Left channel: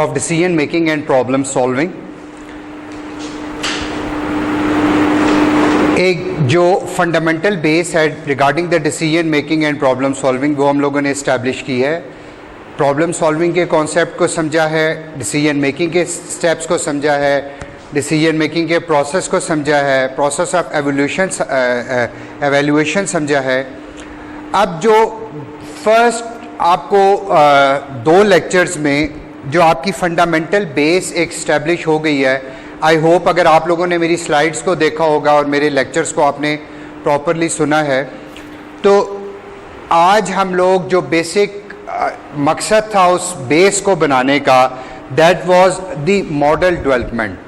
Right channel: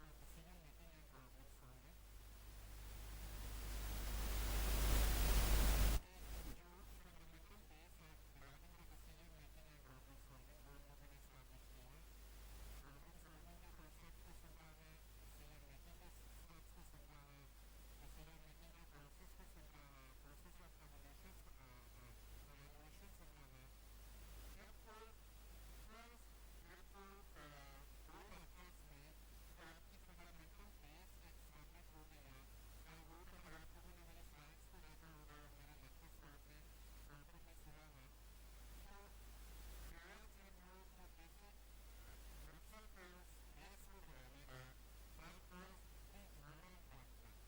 of decision making and problem solving. एक जो fundamental base है regarding the decision making and problem solving वो हम लोगों ने इस्टेब्लिश की है. प्रॉब्लम सॉल्विंग के कॉन्सेप्ट को समझा है, डिसीजन मेकिंग के स्टेप्स को समझा है, डिसीजन मेकिंग के प्रोसेस को समझा है, प्रोसेस ऑफ एवेल्यूएशन समझा है. अब जो फर्स्ट आपको दो लेक्चर्स में जो आपकी फंडामेंटल बेस एक इस्टेब्लिश हो गई है, आई होप अगर आप लोगों ने मेरी स्लाइड्स को देखा होगा और मेरे लेक्चर्स को आपने प्रॉपरली सुना है, तो आज हम लोग जो बेसिक मकसद था उस बेस को बनाने का, that was the model development.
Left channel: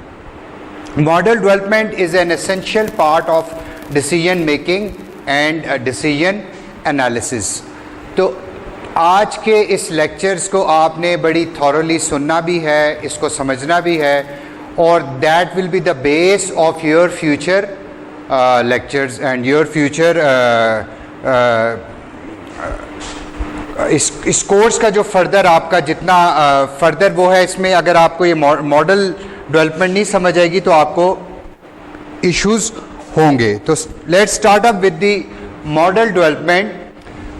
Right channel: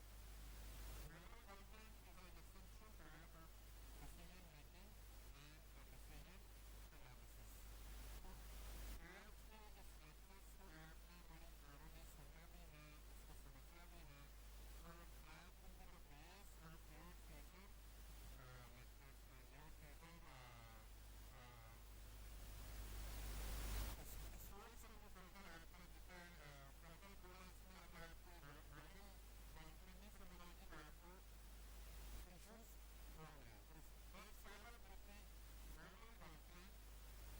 Model development is an essential part of decision making and decision analysis. तो आज के इस लेक्चर्स को आपने बड़ी थॉरली सुनना भी है, इसको समझना भी है, और that will be the base of your future lectures and your future इस कोर्स का जो फर्दर आपका जितना फर्दर वो है, इसमें अगर आपको ये मॉडल डेवलपमेंट नहीं समझ आएगी तो आपको इश्यूज होंगे. तो let's start up with the model development.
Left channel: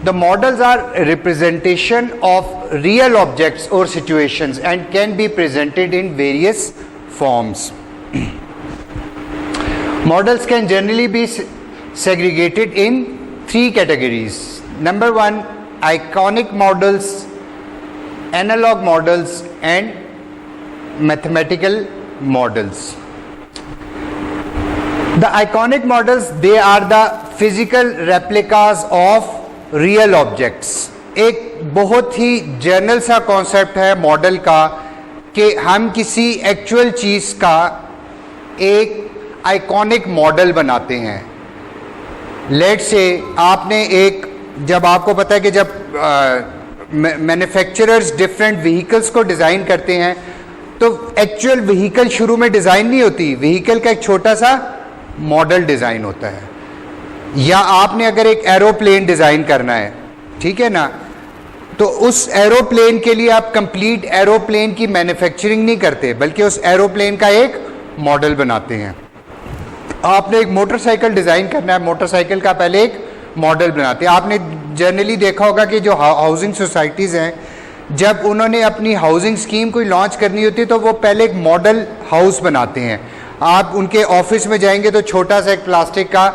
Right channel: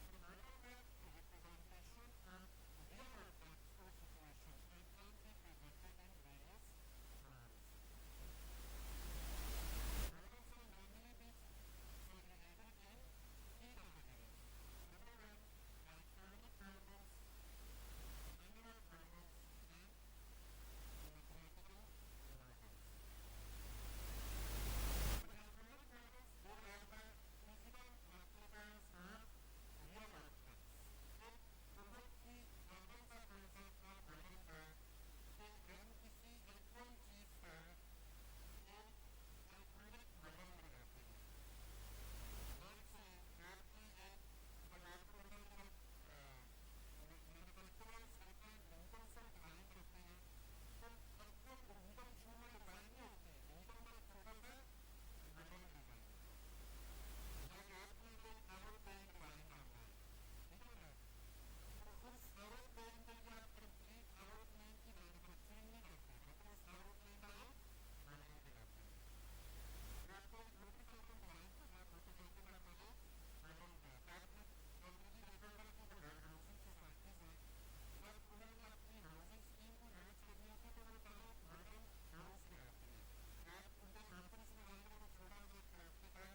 The models are a representation of real objects or situations and can be presented in various forms. Models can generally be segregated in three categories. Number one, iconic models, analog models, and mathematical models. The iconic models, they are the physical replicas of real objects. एक बहुत ही general सा concept है model का कि हम किसी actual चीज़ का एक आइकॉनिक मॉडल बनाते हैं. लेट्स से आपने एक, जब आपको पता है कि जब मैन्युफैक्चरर्स डिफरेंट व्हीकल्स को डिज़ाइन करते हैं तो एक्चुअल व्हीकल शुरू में डिज़ाइन नहीं होती, व्हीकल का एक छोटा सा मॉडल डिज़ाइन होता है. या आपने अगर एक एरोप्लेन डिज़ाइन करना है, ठीक है ना, तो उस एरोप्लेन के लिए आप कंप्लीट एरोप्लेन की मैन्युफैक्चरिंग नहीं करते, बल्कि उस एरोप्लेन का एक मॉडल बनाते हैं. आपने एक मोटरसाइकिल डिज़ाइन करना है, मोटरसाइकिल का पहले एक मॉडल बनाते हैं. आपने जनरली देखा होगा कि जो हाउसिंग सोसाइटीज़ हैं, जब उन्होंने अपनी हाउसिंग स्कीम कोई लॉन्च करनी होती है तो वो पहले एक मॉडल हाउस बनाते हैं. आप उनके ऑफिस में जाएंगे तो छोटा सा एक प्लास्टिक का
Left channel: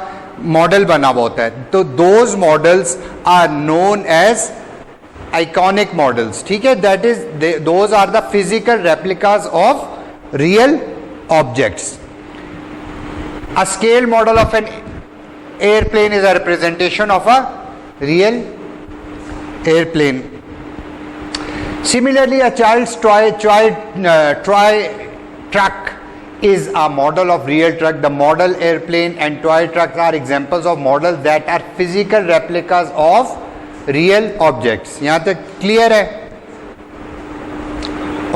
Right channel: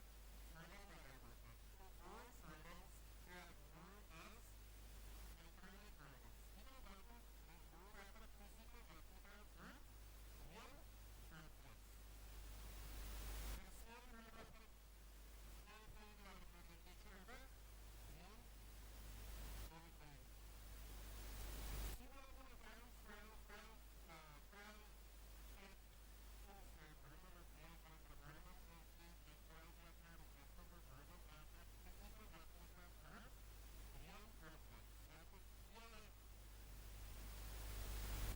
मॉडल बना हुआ होता है. तो those models are known as iconic models. ठीक है, that is those are the physical replicas of real objects. A scale model of an airplane is a representation of a real airplane. Similarly a child's toy truck is a model of real truck. The model airplane and toy trucks are examples of models that are physical replicas of real objects. यहाँ तक clear है?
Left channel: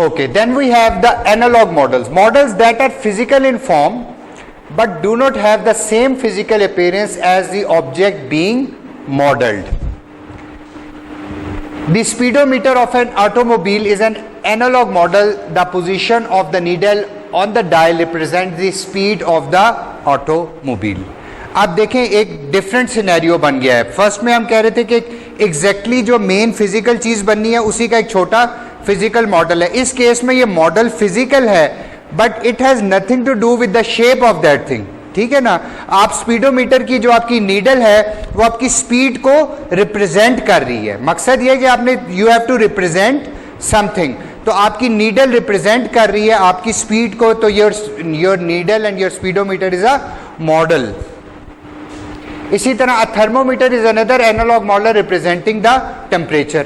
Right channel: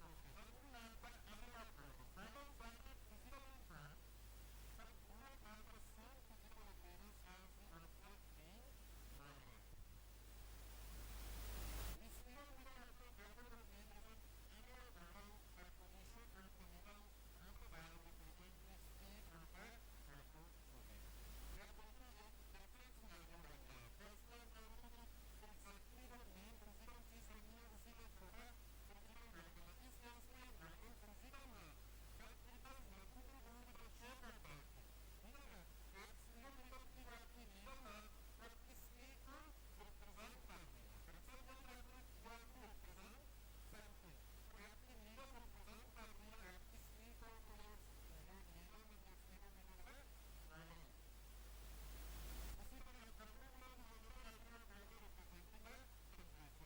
Okay, then we have the analog models. Models that are physical in form but do not have the same physical appearance as the object being modeled. The speedometer of an automobile is an analog model. The position of the needle on the dial represents the speed of the automobile. आप देखें एक different scenario बन गया है. First में हम कह रहे थे कि एग्जैक्टली जो मेन फिजिकल चीज़ बननी है उसी का एक छोटा फिजिकल मॉडल है. इस केस में ये मॉडल फिजिकल है but it has nothing to do with the shape of that thing. ठीक है ना. आप स्पीडोमीटर की जो आपकी नीडल है वो आपकी स्पीड को रिप्रेजेंट कर रही है. मकसद ये है कि आपने you have to represent something. तो आपकी नीडल रिप्रेजेंट कर रही है आपकी स्पीड को, तो your needle and your speedometer is a model. इसी तरह a thermometer is another analog model representing the temperature.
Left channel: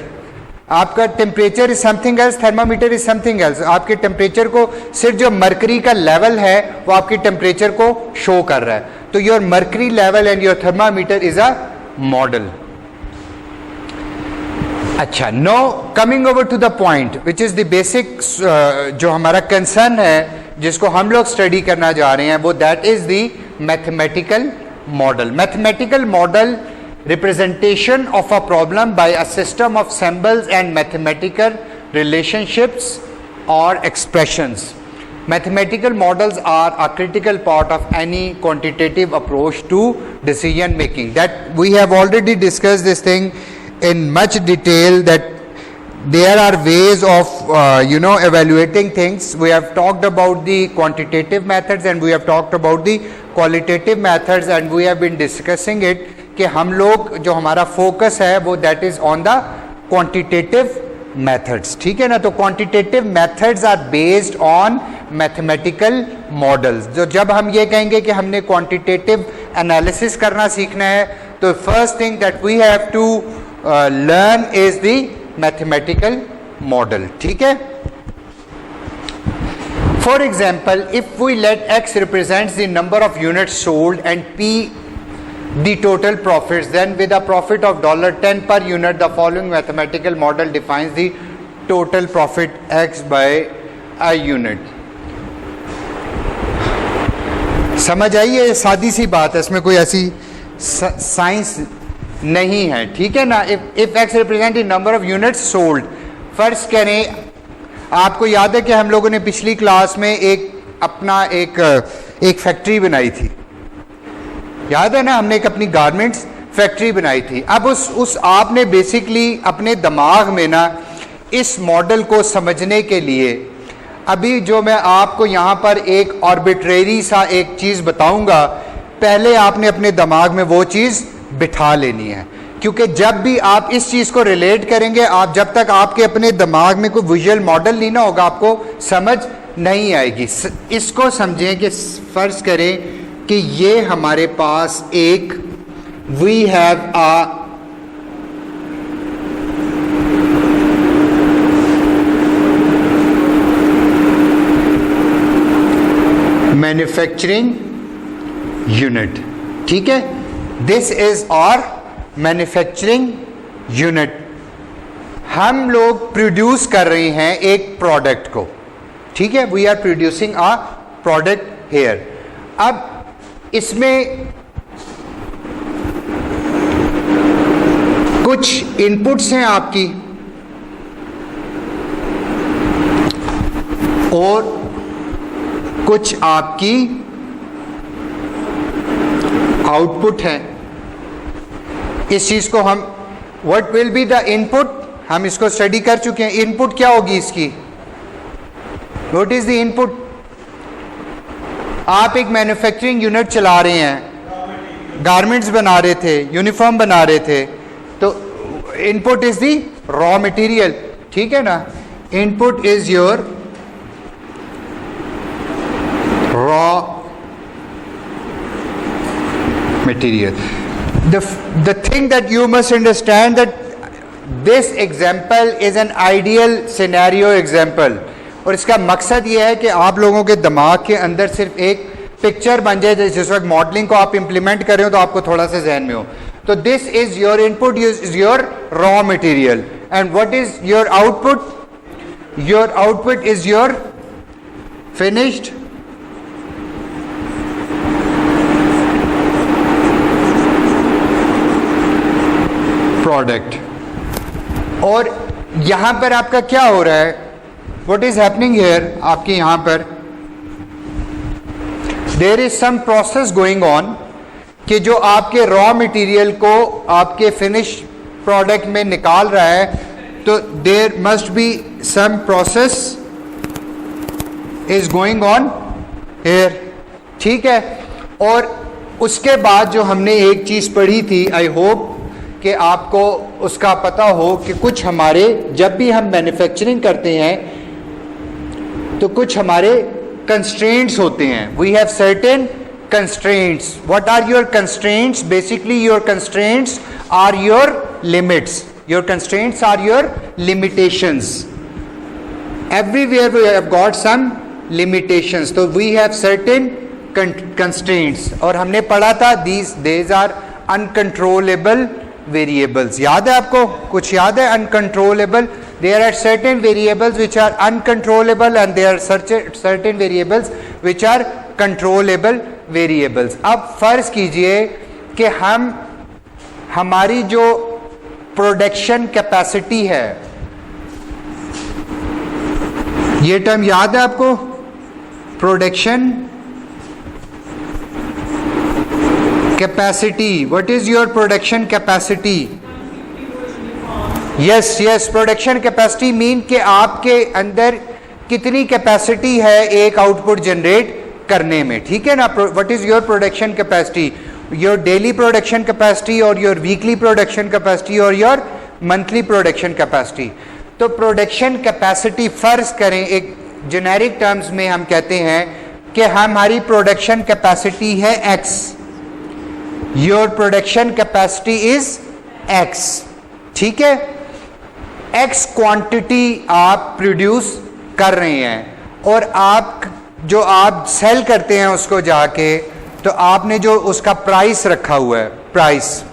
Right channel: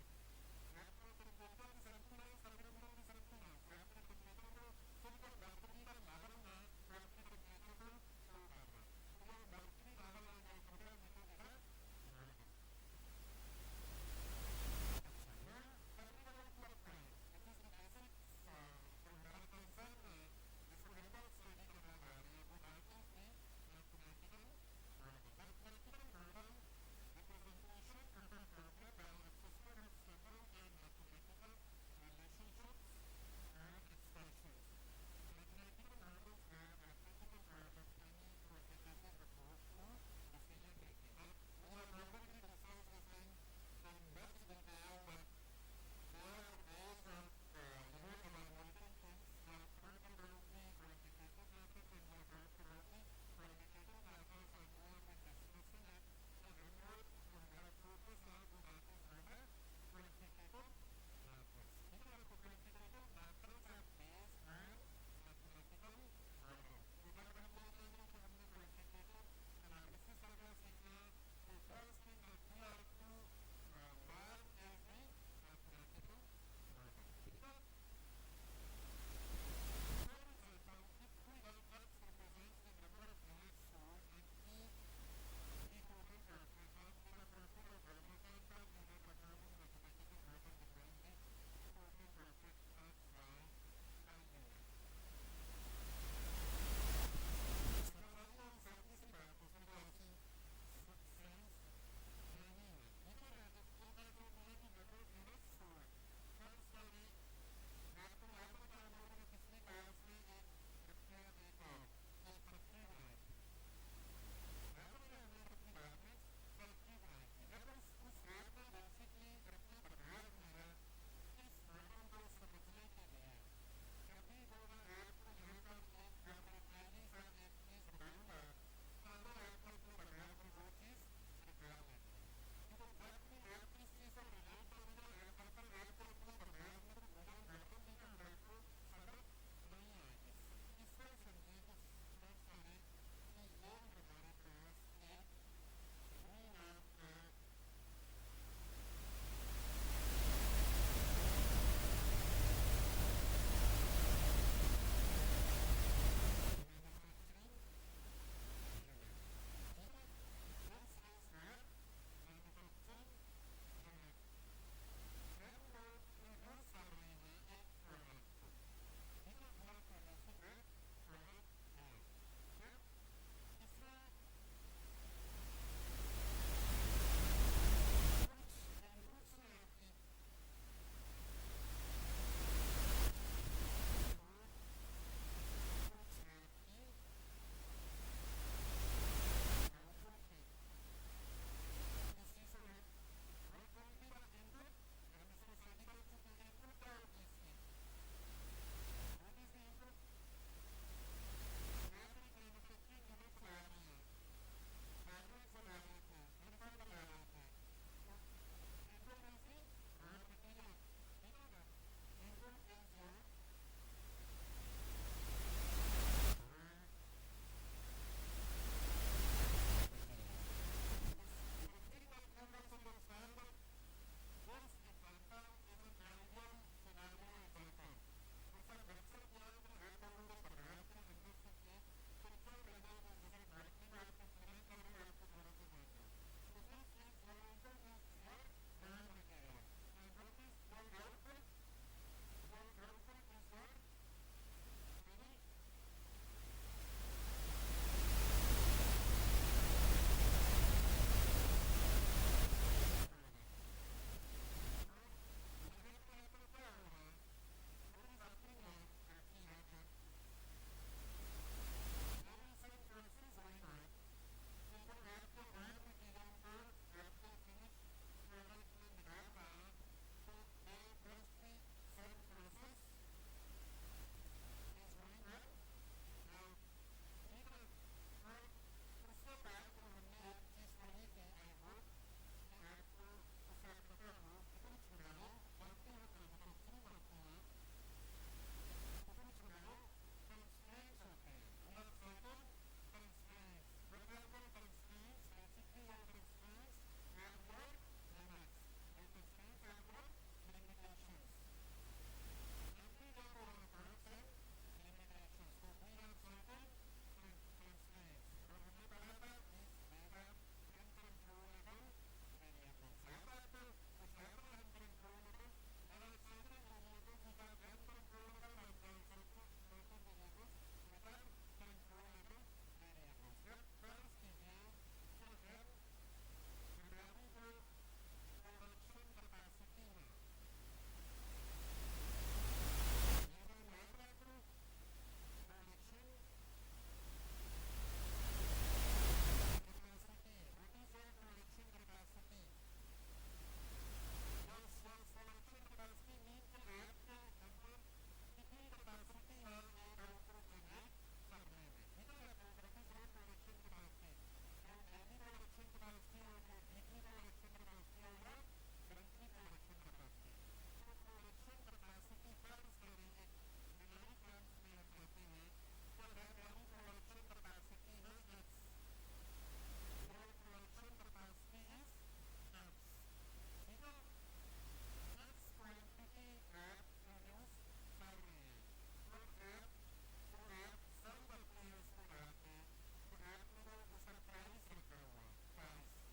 आपका temperature is something else, thermometer is something else. आपके टेम्परेचर को सिर्फ जो मरकरी का लेवल है वो आपके टेम्परेचर को शो कर रहा है. तो your mercury level and your thermometer is a model. अच्छा, no coming over to the point which is the basic जो हमारा कंसर्न है जिसको हम लोग स्टडी करना जा रहे हैं, वो that is the mathematical model. Mathematical model representation of a problem by a system of symbols and mathematical relationships or expressions. Mathematical models are a critical part of any quantitative approach to decision making. That we have already discussed this thing in much detail, that there are ways of evaluating things. We have talked about the quantitative methods and we have talked about the qualitative methods, and we have been discussing it कि हम लोग जो हमारा focus है वो that is on the quantitative methods, ठीक है ना. तो quantitative methods are based on mathematical models. जो जब हम ये कहेंगे कि हमने क्वांटिटेटिव एनालिसिस करना सीखना है, तो first thing that we have to learn is the mathematical model, ठीक है. For example, if we let X represents the number of units sold and P the total profits, then with a profit of $10 per unit, the following mathematical model defines the total profit X by a unit. समझ आई, ये सादी सी बात है, इसमें कोई ऐसी science नहीं है, ठीक है ना. if X represent the number of units sold, फर्ज करें आपको याद है कि हम लोगों ने पिछली क्लास में एक फैक्ट्री बनाई थी, याद है ना, हमने एक अपनी गारमेंट्स फैक्ट्री बनाई थी. अब उस आपने बेसिकली अपने दिमाग में ना इस मॉडल को समझने के लिए, अभी जो मैं आपको यहाँ पर एक आर्बिट्रेरी सा एक चीज़ बताऊंगा, पहले आपने अपने दिमाग में वो चीज़ बिठा लेनी है, क्योंकि जब भी आप इस चीज़ को रिलेट करेंगे, आप जब तक आपके अपने दिमाग में कोई विजुअल मॉडल नहीं ना होगा, आपको समझ नहीं आएगी. इसको समझें कि फर्ज करें कि ये हमारे पास एक we have a manufacturing unit, ठीक है. This is our manufacturing unit. हम लोग प्रोड्यूस कर रहे हैं एक प्रोडक्ट को, ठीक है. We are producing a product here. अब इसमें कुछ इनपुट्स हैं आपकी और कुछ आपकी आउटपुट है. इस चीज को हम what will be the input, हम इसको स्टडी कर चुके हैं. इनपुट क्या होगी इसकी, व्हाट इज द इनपुट. आप एक मैन्युफैक्चरिंग यूनिट चला रहे हैं, गारमेंट्स बना रहे थे, यूनिफॉर्म बना रहे थे, तो input is the raw material, ठीक है ना. Input is your raw material. The thing that you must understand that this example is an ideal scenario example, और इसका मकसद ये है कि आप लोगों के दिमाग के अंदर सिर्फ एक पिक्चर बन जाए, जिस वक्त मॉडलिंग को आप इंप्लीमेंट कर रहे हो तो आपको थोड़ा सा जहन में हो. तो this is your input, is your raw material, and what is your output. Your output is your finished product. और यहां पर आपका क्या हो रहा है, व्हाट इज हैपनिंग हियर, आपके यहां पर there is some process going on कि जो आपके रॉ मटेरियल को आपके फिनिश प्रोडक्ट में निकाल रहा है, तो there must be some process is going on here, ठीक है. और उसके बाद जो हमने एक चीज पढ़ी थी, आई होप कि आपको उसका पता हो कि कुछ हमारे, जब भी हम मैन्युफैक्चरिंग करते हैं तो कुछ हमारे कंस्ट्रेंट्स होते हैं. We have certain constraints. What are your constraints? Basically your constraints are your limits. Your constraints are your limitations. Everywhere we have got some limitations. तो वी हैव सर्टेन कंस्ट्रेंट्स, और हमने पढ़ा था दीज आर अनकंट्रोलेबल वेरिएबल्स. याद है आपको, कुछ याद है? Uncontrollable, there are certain variables which are uncontrollable and there are certain variables which are controllable variables. अब फर्ज कीजिए कि हमारी जो प्रोडक्शन कैपेसिटी है ये टर्म याद है आपको? Production capacity. What is your production capacity? Yes yes, production capacity mean कि आपके अंदर कितनी कैपेसिटी है एक आउटपुट जनरेट करने में, ठीक है ना. What is your production capacity? Your daily production capacity और योर वीकली प्रोडक्शन कैपेसिटी और योर मंथली प्रोडक्शन कैपेसिटी. तो प्रोडक्शन कैपेसिटी फर्ज करें एक जेनेरिक टर्म्स में हम कहते हैं कि हमारी प्रोडक्शन कैपेसिटी है x. Your production capacity is x, ठीक है. x क्वांटिटी आप प्रोड्यूस कर रहे हैं और आप जो आप सेल करते हैं उसको जाके, तो आपने जो उसका प्राइस रखा हुआ है, प्राइस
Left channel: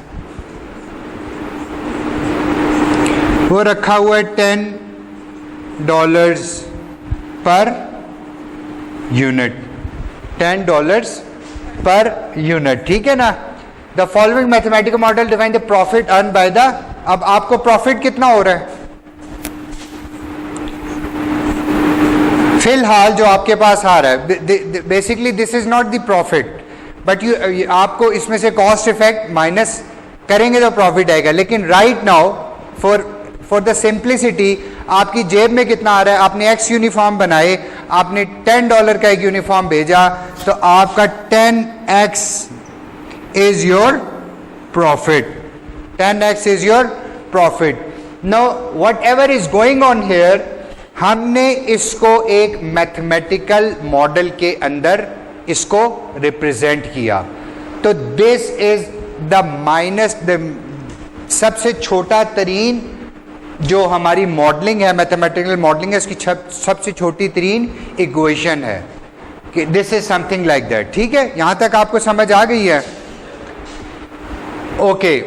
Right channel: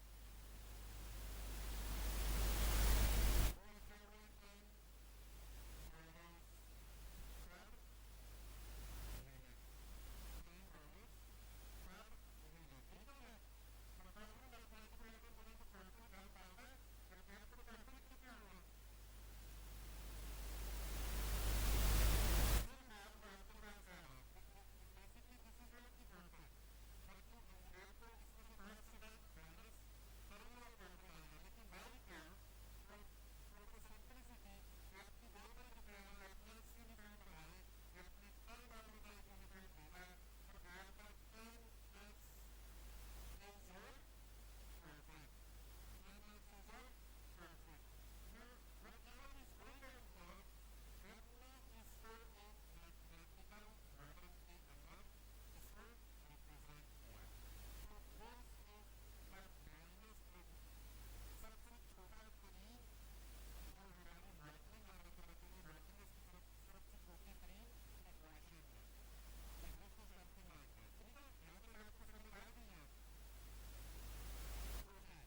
वो रखा हुआ है $10 पर यूनिट, $10 पर यूनिट, ठीक है ना. The following mathematical model define the profit earn by the. अब आपको प्रॉफिट कितना हो रहा है फिलहाल जो आपके पास आ रहा है? Basically this is not the profit, but you आपको इसमें से कॉस्ट इफेक्ट माइनस करेंगे तो प्रॉफिट आएगा. लेकिन right now for the simplicity आपकी जेब में कितना आ रहा है? आपने एक्स यूनिफॉर्म बनाए, आपने $10 का एक यूनिफॉर्म भेजा, तो आपका 10x is your profit. 10x is your profit. Now what ever is going on here, हमने इसको एक मैथमेटिकल मॉडल के अंदर इसको रिप्रेजेंट किया. तो this is the minus the सबसे छोटा तरीन जो हमारी मॉडलिंग है, मैथमेटिकल मॉडलिंग है, इसकी सबसे छोटी तरीन इक्वेशन है कि this is something like that. ठीक है, यहां तक आपको समझ आ गई है? Okay.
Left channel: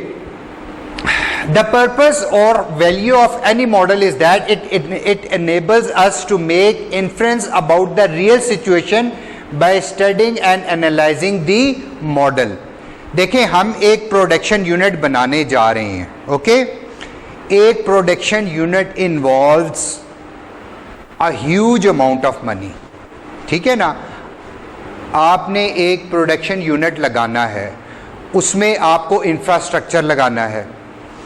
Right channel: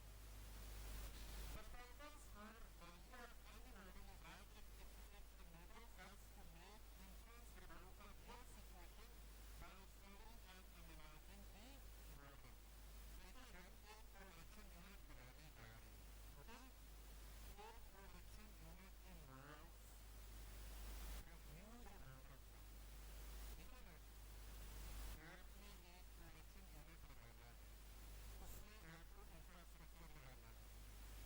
The purpose or value of any model is that it enables us to make inference about the real situation by studying and analyzing the model. देखें, हम एक प्रोडक्शन यूनिट बनाने जा रहे हैं. ओके, एक production unit involves a huge amount of money. ठीक है ना. आपने एक प्रोडक्शन यूनिट लगाना है, उसमें आपको इंफ्रास्ट्रक्चर लगाना है.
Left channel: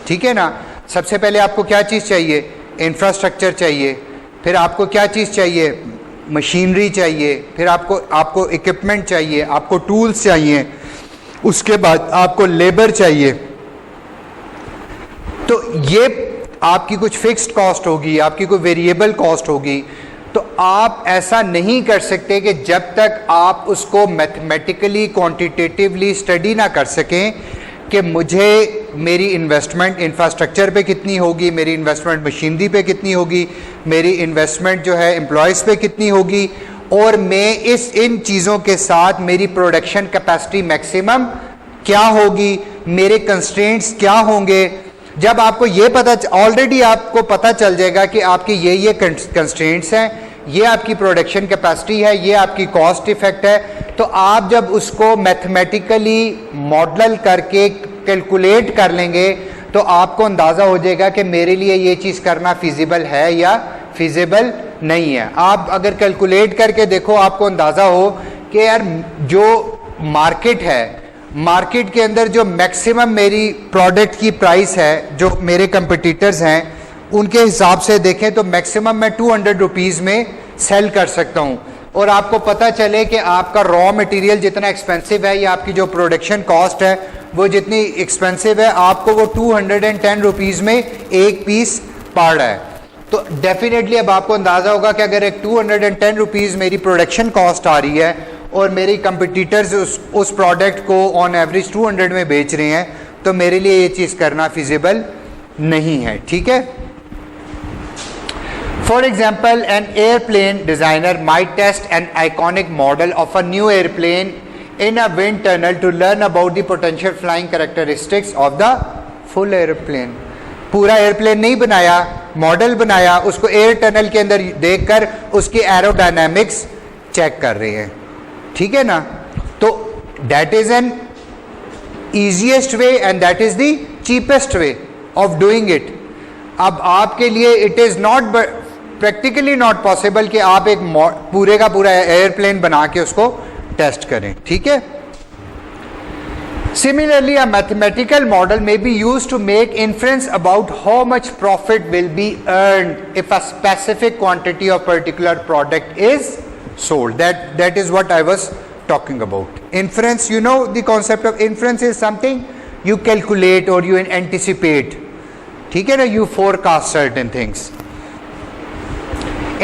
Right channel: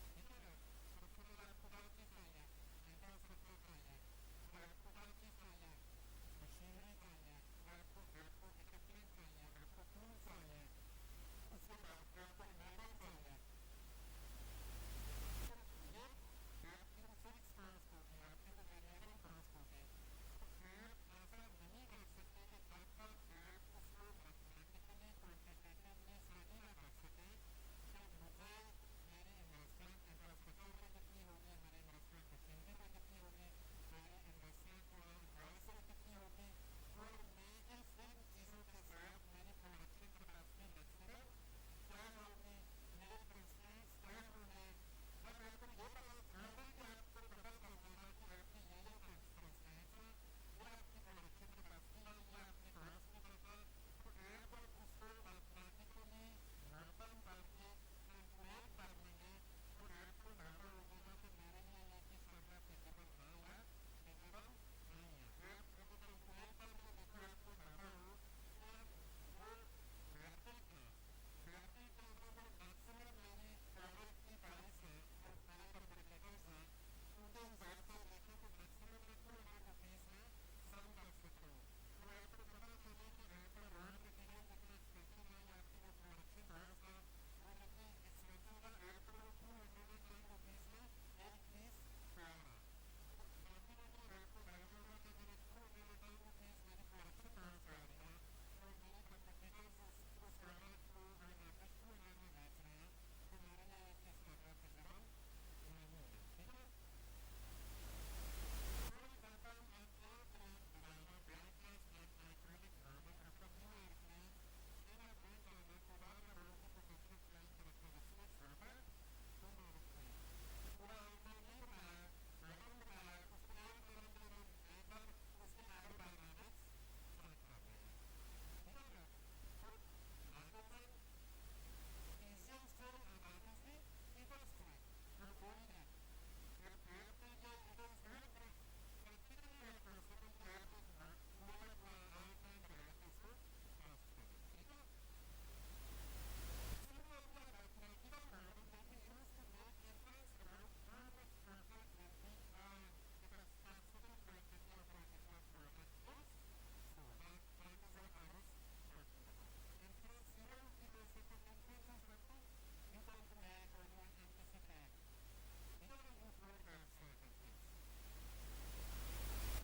ठीक है ना. सबसे पहले आपको क्या चीज़ चाहिए? इंफ्रास्ट्रक्चर चाहिए. फिर आपको क्या चीज़ चाहिए? मशीनरी चाहिए. फिर आपको इक्विपमेंट चाहिए, आपको टूल्स चाहिए, उसके बाद आपको लेबर चाहिए. तो ये आपकी कुछ फिक्स्ड कॉस्ट होगी, आपकी कोई वेरिएबल कॉस्ट होगी. तो आप ऐसा नहीं कर सकते कि जब तक आप उसको मैथमेटिकली क्वांटिटेटिवली स्टडी ना कर सकें कि मुझे मेरी इन्वेस्टमेंट इंफ्रास्ट्रक्चर पे कितनी होगी, मेरी इन्वेस्टमेंट मशीनरी पे कितनी होगी, मेरी इन्वेस्टमेंट जो है एम्प्लॉयज़ पे कितनी होगी, और मैं इन चीज़ों के साथ मेरी प्रोडक्शन कैपेसिटी मैक्सिमम क्या होगी, मेरे कंस्ट्रेंट्स क्या होंगे. जब आपको ये पता, ऑलरेडी आपको पता चल जाएगा कि आपके ये कंस्ट्रेंट्स हैं, ये आपकी प्रोडक्शन कैपेसिटी है, ये आपकी कॉस्ट इफेक्ट है. तो आप जब उसको मैथमेटिकली मॉडल करके कैलकुलेट कर लेंगे तो आपको अंदाज़ा हो जाएगा कि मेरे लिए ये चीज़ करना फिजिबल है या फिजिबल नहीं है. आप अगर कैलकुलेट करके देखो, आपको अंदाज़ा हो कि यार जो मार्केट है, मार्केट के अंदर जो मैक्सिमम मेरी प्रोडक्ट की प्राइस है, जो मेरे कंपटीटर्स हैं उनके हिसाब से देखें तो मैक्सिमम मैं 200 रुपीज़ में सेल कर सकता हूँ. और आपको पता चले कि आपका रॉ मटेरियल जितना एक्सपेंसिव है या आपकी जो प्रोडक्शन कॉस्ट है वो जितनी एक्सपेंसिव है, आपको वो 210 रुपीज़ में एक पीस पड़ रहा है. तो डेफिनेटली अब आपको अंदाज़ा होगा कि अगर एक 210 रुपीज़ मेरी प्रोडक्शन कॉस्ट आ रही है और मेरी कंपटीटर्स उस प्रोडक्ट को ऑन एवरेज 200 में बेच रहे हैं, तो मेरे लिए ये चीज़ करना फिजिबल नहीं है. ठीक है. For example, an airplane designer might test an iconic model of a new airplane in a wind tunnel to learn about the potential flying characteristics of the full airplane. पूरा एयरप्लेन नहीं बनाया, model बनाया, उसको air tunnel के अंदर देखकर उसकी aerodynamics check कर रहे हैं. ठीक है ना. तो that is an easiest way and that is the cheapest way of doing it. अब आपके लिए it is not practically not possible कि आप एक पूरे का पूरा एयरप्लेन बना के उसको टेस्ट करें, ठीक है। Similarly, a mathematical model may be used to make inference about how much profit will be earned if a specific quantity of particular product is sold. That is what I was talking about. Inference, you know, the concept of inference is something you calculate or you anticipate. ठीक है ना, you forecast certain things.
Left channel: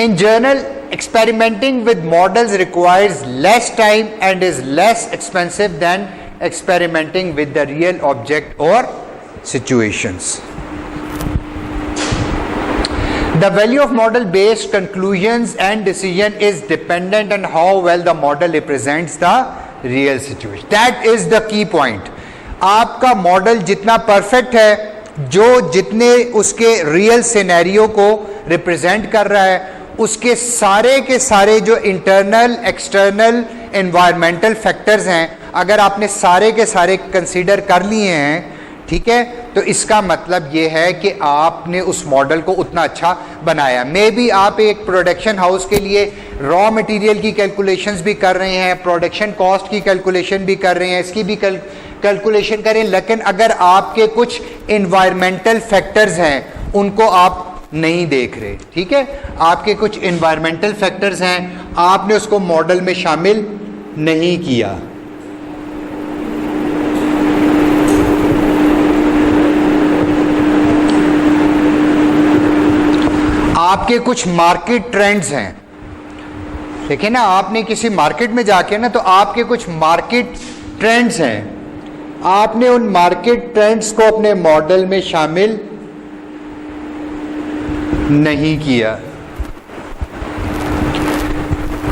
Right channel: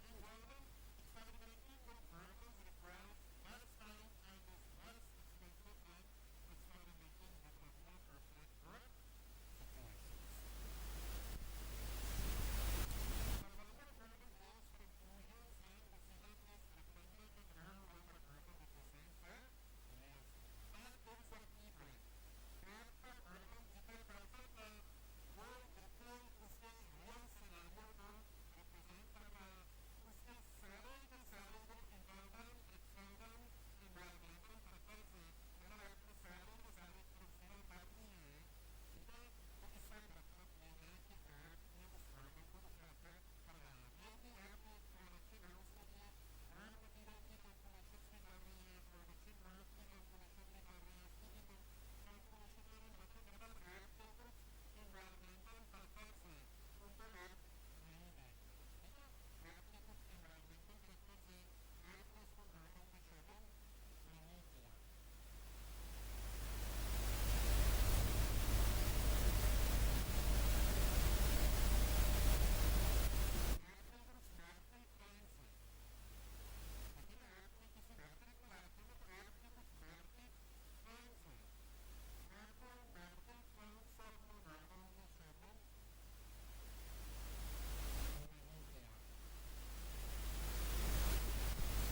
In general, experimenting with models requires less time and is less expensive than experimenting with the real object or situations. The value of model based conclusions and decision is dependent on how well the model represents the real situation. That is the key point. आपका model जितना perfect है, जो जितने उसके real scenario को represent कर रहा है, उसके सारे के सारे जो इंटरनल एक्सटर्नल एनवायरमेंटल फैक्टर्स हैं, अगर आपने सारे के सारे कंसीडर कर लिए हैं, ठीक है, तो इसका मतलब ये है कि आपने उस मॉडल को उतना अच्छा बनाया। मे बी आप एक प्रोडक्शन हाउस के लिए रॉ मटेरियल की कैलकुलेशंस भी कर रहे हैं, प्रोडक्शन कॉस्ट की कैलकुलेशन भी कर रहे हैं, इसकी भी कैलकुलेशन करें, लेकिन अगर आपके कुछ एनवायरमेंटल फैक्टर्स हैं उनको आप नहीं देख रहे, ठीक है, आपके कुछ एनवायरमेंटल फैक्टर्स हैं, आपने उसको मॉडल में शामिल नहीं किया। आपके कुछ मार्केट ट्रेंड्स हैं, देखिए ना, आपने किसी मार्केट में जाके ना, तो आपके कुछ मार्केट ट्रेंड्स हैं, आपने उन मार्केट ट्रेंड्स को अपने मॉडल में शामिल नहीं किया,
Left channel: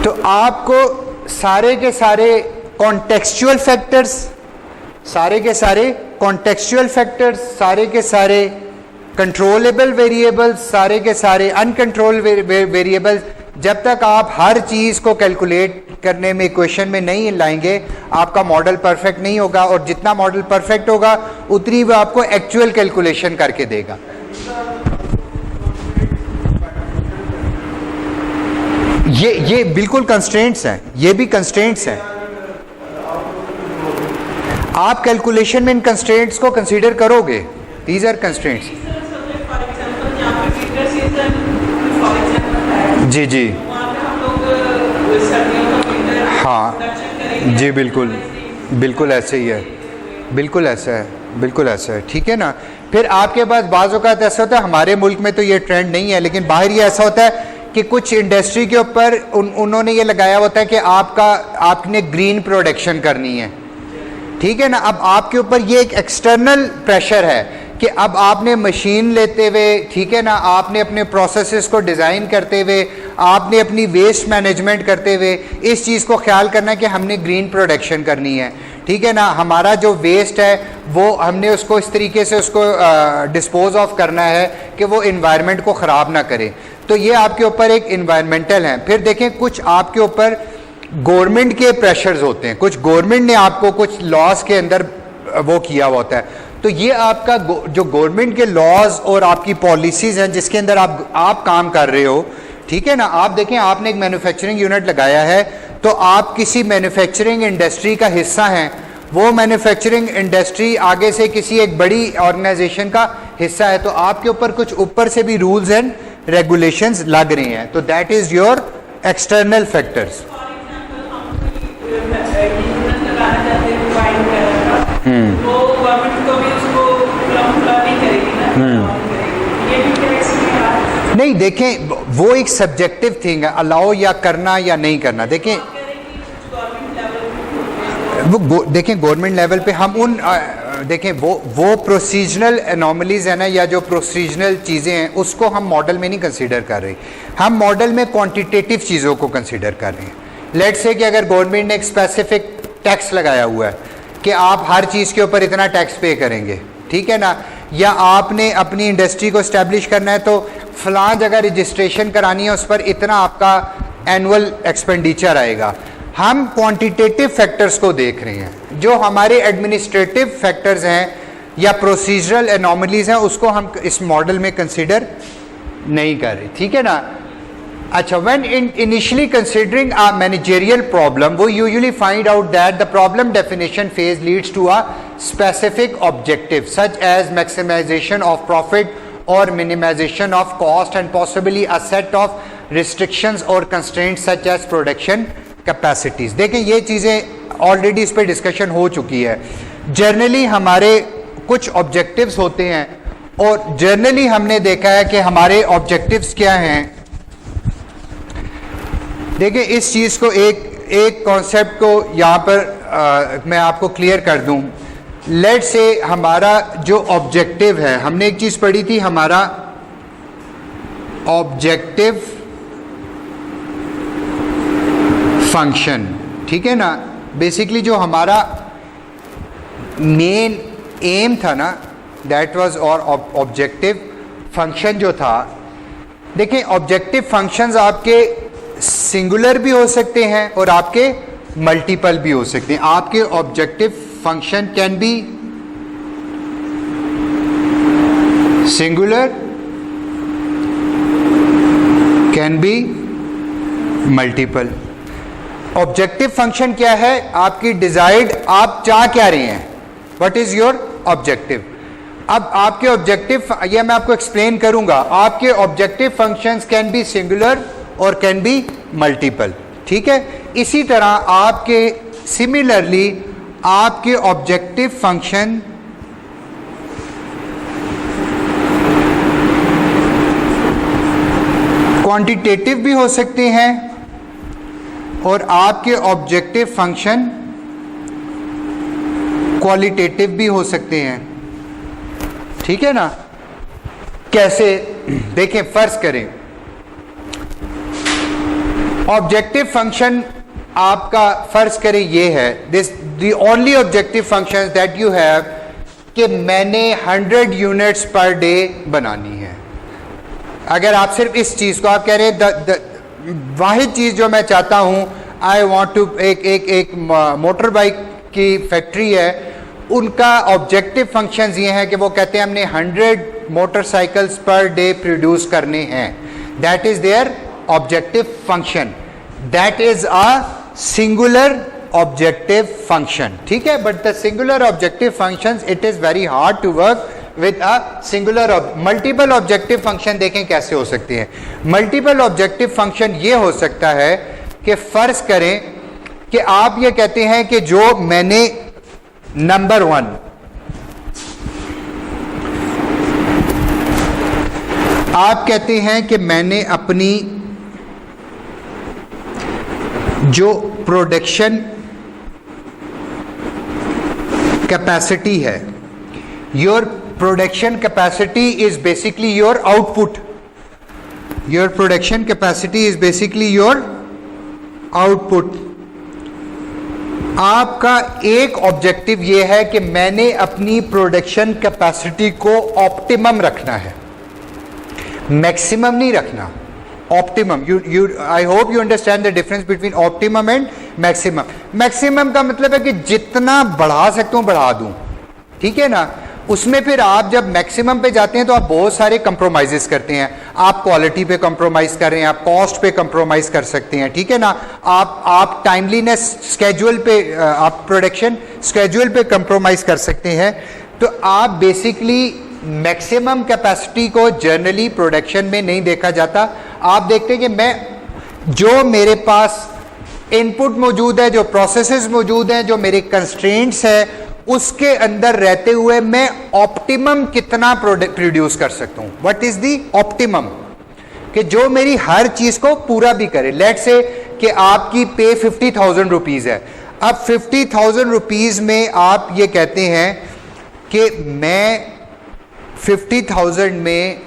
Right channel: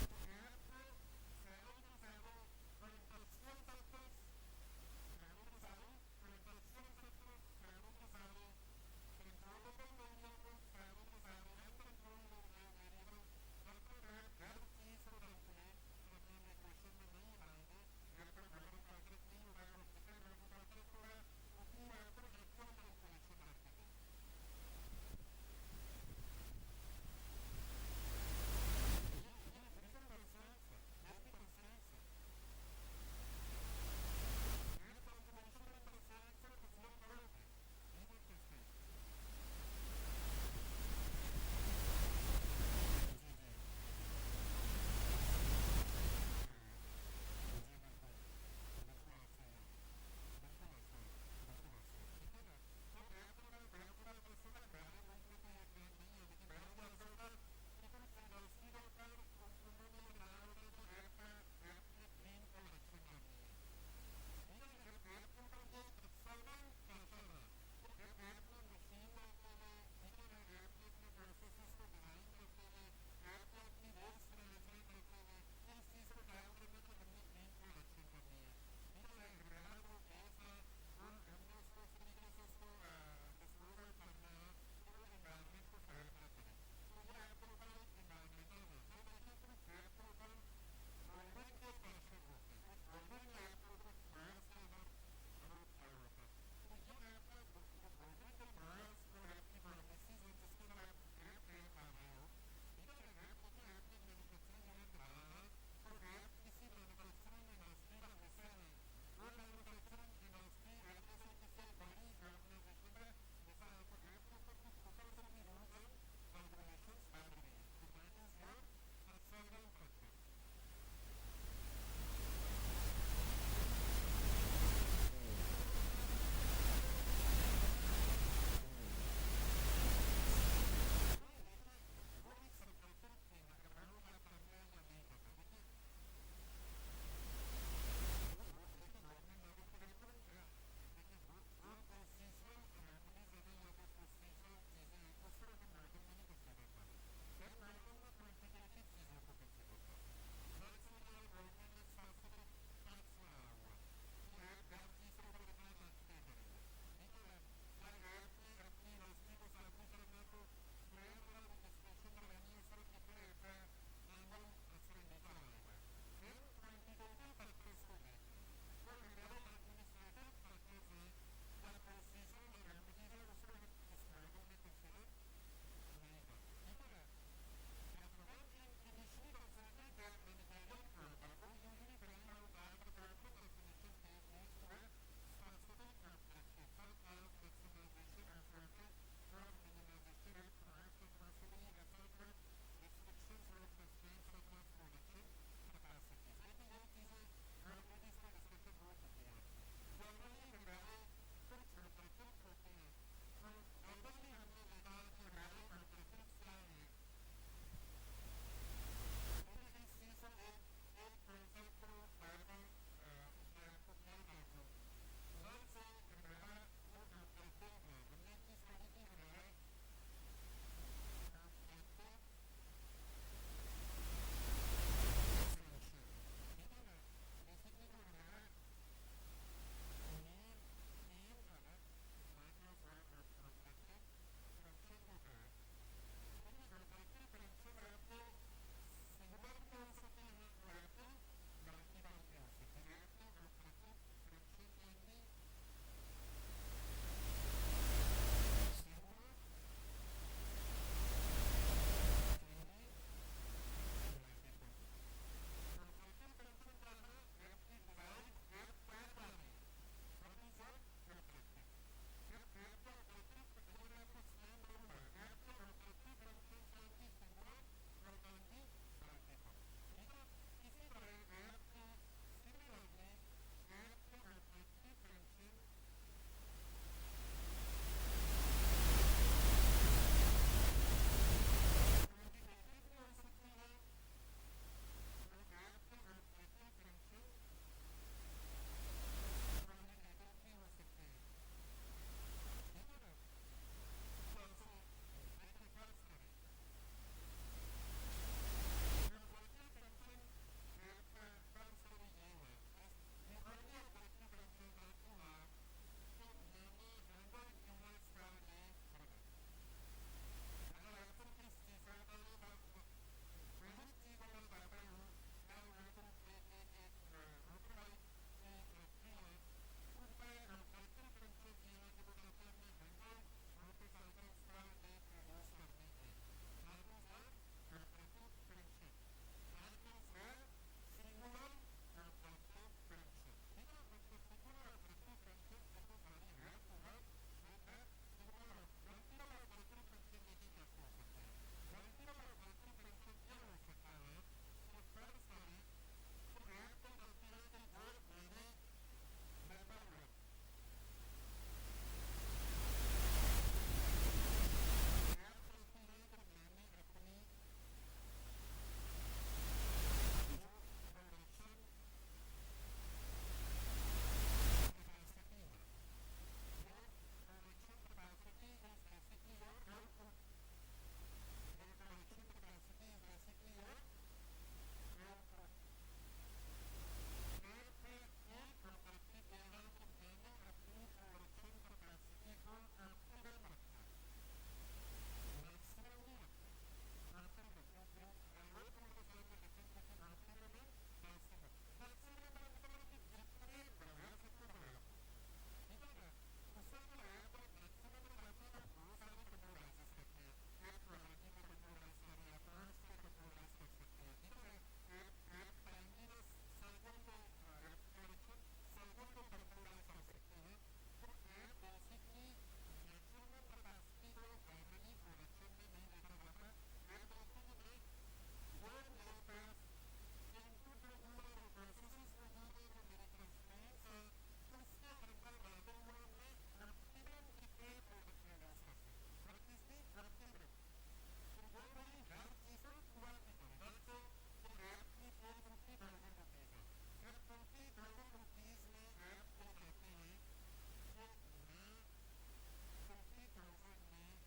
तो आपको सारे के सारे कॉन्टेक्सचुअल फैक्टर्स, सारे के सारे कॉन्टेक्सचुअल फैक्टर्स, सारे के सारे कंट्रोलेबल वेरिएबल्स, सारे के सारे अनकंट्रोल वेरिएबल्स, जब तक आप हर चीज़ को कैलकुलेट करने में इक्वेशन में नहीं लाएंगे, आपका मॉडल परफेक्ट नहीं होगा, और जितना मॉडल परफेक्ट होगा उतनी वो आपको एक्चुअल कैलकुलेशन करके देगा। ये बिल्कुल कंस्ट्रेंट्स हैं, ये भी कंस्ट्रेंट्स हैं। आप कैलकुलेशन में इन कंस्ट्रेंट्स को कंसीडर करोगे, दीज आर कंस्ट्रेंट्स। जी जी हाँ जी, बिल्कुल बिल्कुल ऐसे ही है, बिल्कुल ऐसा है, बिल्कुल ऐसा है, ठीक है ना। फिर आपके पास बाज़ औक़ात ऐसा होता है, हमारे मुल्क में तो ये ट्रेंड नहीं है, लेकिन बाहर ये ऐसा होता है कि कुछ इंडस्ट्री के ऊपर उन्होंने ये लगाया होता है कि आपने ग्रीन प्रोडक्शन करनी है, ठीक है ना। अब आपके ऊपर ये एक एक्सटर्नल प्रेशर है कि अब आपने मशीन लेते हुए, ठीक है ना, आपने अपने प्रोसेसेस को डिज़ाइन करते हुए, आपने अपनी वेस्ट मैनेजमेंट करते हुए इस चीज़ को ख्याल करना है कि हमने ग्रीन प्रोडक्शन करनी है, ठीक है ना। हमारा जो वेस्ट है वो हमने उसको इस तरीके से उसको डिस्पोज ऑफ करना है कि वो इन्वायरमेंट को ख़राब ना करे, तो ये आपके ऊपर एक इन्वायरमेंटल है। फिर देखें, कुछ आपके ऊपर गवर्नमेंट के प्रेशर्स होते हैं, कुछ गवर्नमेंट ने आपको कुछ लॉज के अंदर वो किया हुआ होता है, तो ये आपका जो गवर्नमेंट के लॉज और आपकी पॉलिसीज़ हैं जिसके अंदर आप काम कर रहे हो, ठीक है ना। आप देखें, आपने एक मैन्युफैक्चरिंग यूनिट लगाया है, तो आप किसी मैन्युफैक्चरिंग इंडस्ट्री का हिस्सा हैं, वो मैन्युफैक्चरिंग इंडस्ट्री आगे से किसी एक बड़ी ऑर्गेनाइजेशन का हिस्सा है, तो आपके ऊपर कुछ ऊपर से भी रूल्स एंड रेगुलेशंस लग रहे हैं, तो that is your external factors. नहीं, देखें, वो एक सब्जेक्टिव थिंग है, अलाउ या करना या नहीं करना। देखें देखें गवर्नमेंट लेवल पे हम उन देखें वो प्रोसीजरल एनॉमलीज है ना, या जो प्रोसीजरल चीज़ें हैं उसको हम मॉडल में नहीं कंसीडर कर रहे, हम मॉडल में क्वांटिटेटिव चीज़ों को कंसीडर कर रहे हैं। लेट्स से कि अगर गवर्नमेंट ने एक स्पेसिफिक टैक्स लगाया हुआ है कि आप हर चीज़ के ऊपर इतना टैक्स पे करेंगे, ठीक है ना, या आपने अपनी इंडस्ट्री को इस्टेब्लिश करना है तो फलां जगह रजिस्ट्रेशन करानी है, उस पर इतना आपका एनुअल एक्सपेंडिचर आएगा। हम क्वांटिटेटिव फैक्टर्स को देख रहे हैं, जो हमारे एडमिनिस्ट्रेटिव फैक्टर्स हैं या प्रोसीजरल एनॉमलीज हैं उसको हम इस मॉडल में कंसीडर नहीं कर रहे, ठीक है ना। अच्छा, when initially considering a managerial problem, we usually find out that the problem definition phase leads to a specific objective such as maximization of profit or minimization of cost and possibly a set of restrictions or constraints such as production capacities. देखें ये चीज़ें already इस पर discussion हो चुकी है. Generally हमारे कुछ ऑब्जेक्टिव्स होते हैं और जनरली हमने देखा है कि हमारे ऑब्जेक्टिव्स क्या हैं. देखिए इस चीज़ को एक कॉन्सेप्ट को यहाँ पर मैं आपको क्लियर कर दूँ. लेट से हमारा जो ऑब्जेक्टिव है, हमने एक चीज़ पढ़ी थी, हमारा ऑब्जेक्टिव फंक्शन, ठीक है ना. बेसिकली जो हमारा मेन एम था ना, दैट वाज और ऑब्जेक्टिव फंक्शन जो था. देखिए ऑब्जेक्टिव फंक्शंस आपके सिंगुलर भी हो सकते हैं और आपके मल्टीपल भी हो सकते हैं. आपके objective function can be singular, can be multiple. Objective function क्या है? आपकी डिजायर्ड, आप चाह क्या रहे हैं, व्हाट इज योर ऑब्जेक्टिव. अब आपके ऑब्जेक्टिव, यह मैं आपको एक्सप्लेन करूंगा. आपके objective functions can be singular और कैन बी मल्टीपल, ठीक है. इसी तरह आपके सिमिलरली आपके ऑब्जेक्टिव फंक्शन क्वांटिटेटिव भी हो सकते हैं और आपके ऑब्जेक्टिव फंक्शन क्वालिटेटिव भी हो सकते हैं, ठीक है ना. कैसे? देखें, फर्ज करें ऑब्जेक्टिव फंक्शन आपका, फर्ज करें ये है, this the only objective function that you have कि मैंने 100 यूनिट्स पर डे बनानी है. अगर आप सिर्फ इस चीज को आप कह रहे हैं वाहिद चीज जो मैं चाहता हूं, आई वांट टू, एक मोटर बाइक की फैक्ट्री है, उनका ऑब्जेक्टिव फंक्शंस ये हैं कि वो कहते हैं हमने 100 मोटरसाइकिल्स पर डे प्रोड्यूस करने हैं. That is their objective function. That is a singular objective function, ठीक है. But the singular objective functions, it is very hard to work with a singular multiple objective function. देखें कैसे हो सकती है. Multiple objective function ये हो सकता है कि फर्ज करें कि आप ये कहते हैं कि जो मैंने नंबर 1, आप कहते हैं कि मैंने अपनी जो प्रोडक्शन कैपेसिटी है, your production capacity is basically your output. Your production capacity is basically your output. आपका एक ऑब्जेक्टिव ये है कि मैंने अपनी प्रोडक्शन कैपेसिटी को ऑप्टिमम रखना है, मैक्सिमम नहीं रखना, optimum. I hope you understand the difference between optimum and maximum. Maximum का मतलब है कि जितना बढ़ा सकता हूं बढ़ा दूं, ठीक है ना. उसमें फिर आप जब मैक्सिमम पे जाते हैं तो आप बहुत सारे कंप्रोमाइजेस करते हैं. आप क्वालिटी पे कंप्रोमाइज कर रहे हैं, आप कॉस्ट पे कंप्रोमाइज कर सकते हैं, ठीक है ना. आप टाइमलीनेस स्केड्यूल पे, आप प्रोडक्शन स्केड्यूल पे कंप्रोमाइज कर सकते हैं. तो आप बेसिकली मैक्सिमम कैपेसिटी को जनरली प्रोडक्शन में नहीं देखा जाता. आप देखते हैं कि मैं जो मेरे पास इनपुट मौजूद है, जो प्रोसेसेस मौजूद हैं, जो मेरे कंस्ट्रेंट्स है, उसके अंदर रहते हुए मैं ऑप्टिमम कितना प्रोड्यूस कर सकता हूं. व्हाट इज द ऑप्टिमम, कि जो मेरी हर चीज को पूरा भी करे. लेट से कि आपकी पे 50,000 रुपीज है. अब 50,000 रुपीज में आप ये कहते हैं कि मैं 50,000 में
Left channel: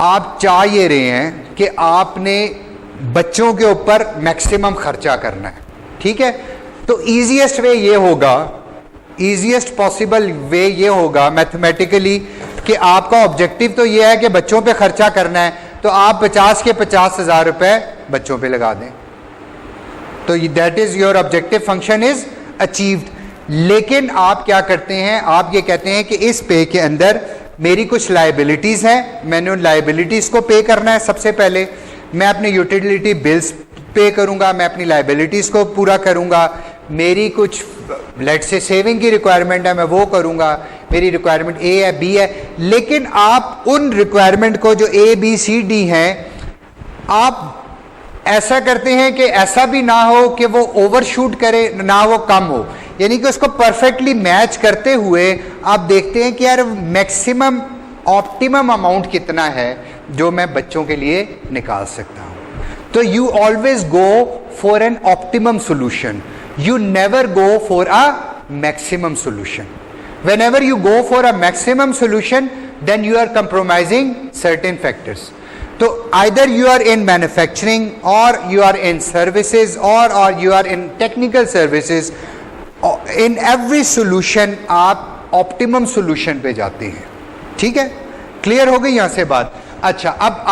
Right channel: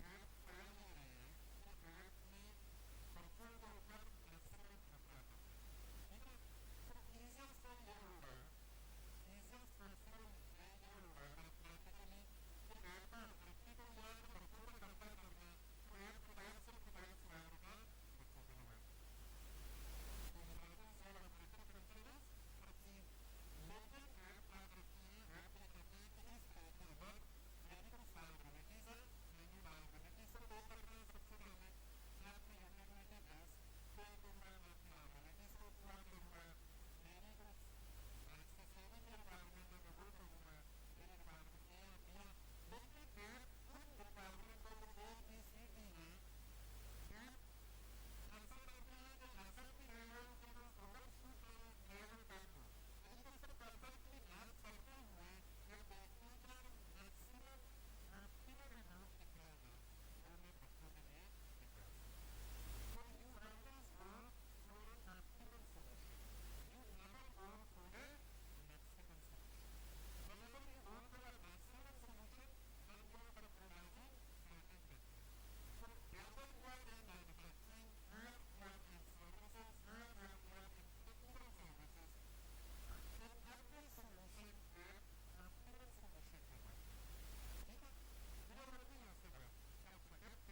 आप चाह ये रहे हैं कि आपने बच्चों के ऊपर मैक्सिमम खर्चा करना है, ठीक है. तो ईजीएस्ट वे ये होगा, ईजीएस्ट पॉसिबल वे ये होगा मैथमेटिकली कि आपका ऑब्जेक्टिव तो ये है कि बच्चों पे खर्चा करना है, तो आप 50 के 50,000 रुपए बच्चों पे लगा दें, तो that is your objective function is achieved. लेकिन आप क्या करते हैं, आप ये कहते हैं कि इस पे के अंदर मेरी कुछ लायबिलिटीज हैं, मैंने उन लायबिलिटीज को पे करना है सबसे पहले. मैं अपने यूटिलिटी बिल्स पे करूंगा, मैं अपनी लाइबिलिटीज को पूरा करूंगा, मेरी कुछ लेट से सेविंग की रिक्वायरमेंट है मैं वो करूंगा, मेरी रिक्वायरमेंट ए है बी है, लेकिन आप उन रिक्वायरमेंट को जो ए बी सी डी हैं आप ऐसा करते हैं कि ऐसा भी ना हो कि वो ओवरशूट करे ना वो कम हो, यानी कि उसको परफेक्टली मैच करते हुए आप देखते हैं कि यार मैक्सिमम ऑप्टिमम अमाउंट कितना है जो मैं बच्चों के लिए निकाल सकता हूं। तो you always go for an optimum solution, you never go for a maximum solution. Whenever you go for a maximum solution, then you are compromising certain factors. So either you are in manufacturing or you are in services or you are in technical services, in every solution आप optimum solution पे जाते हैं। ठीक है, clear हो गई यहां से बात। अच्छा, अब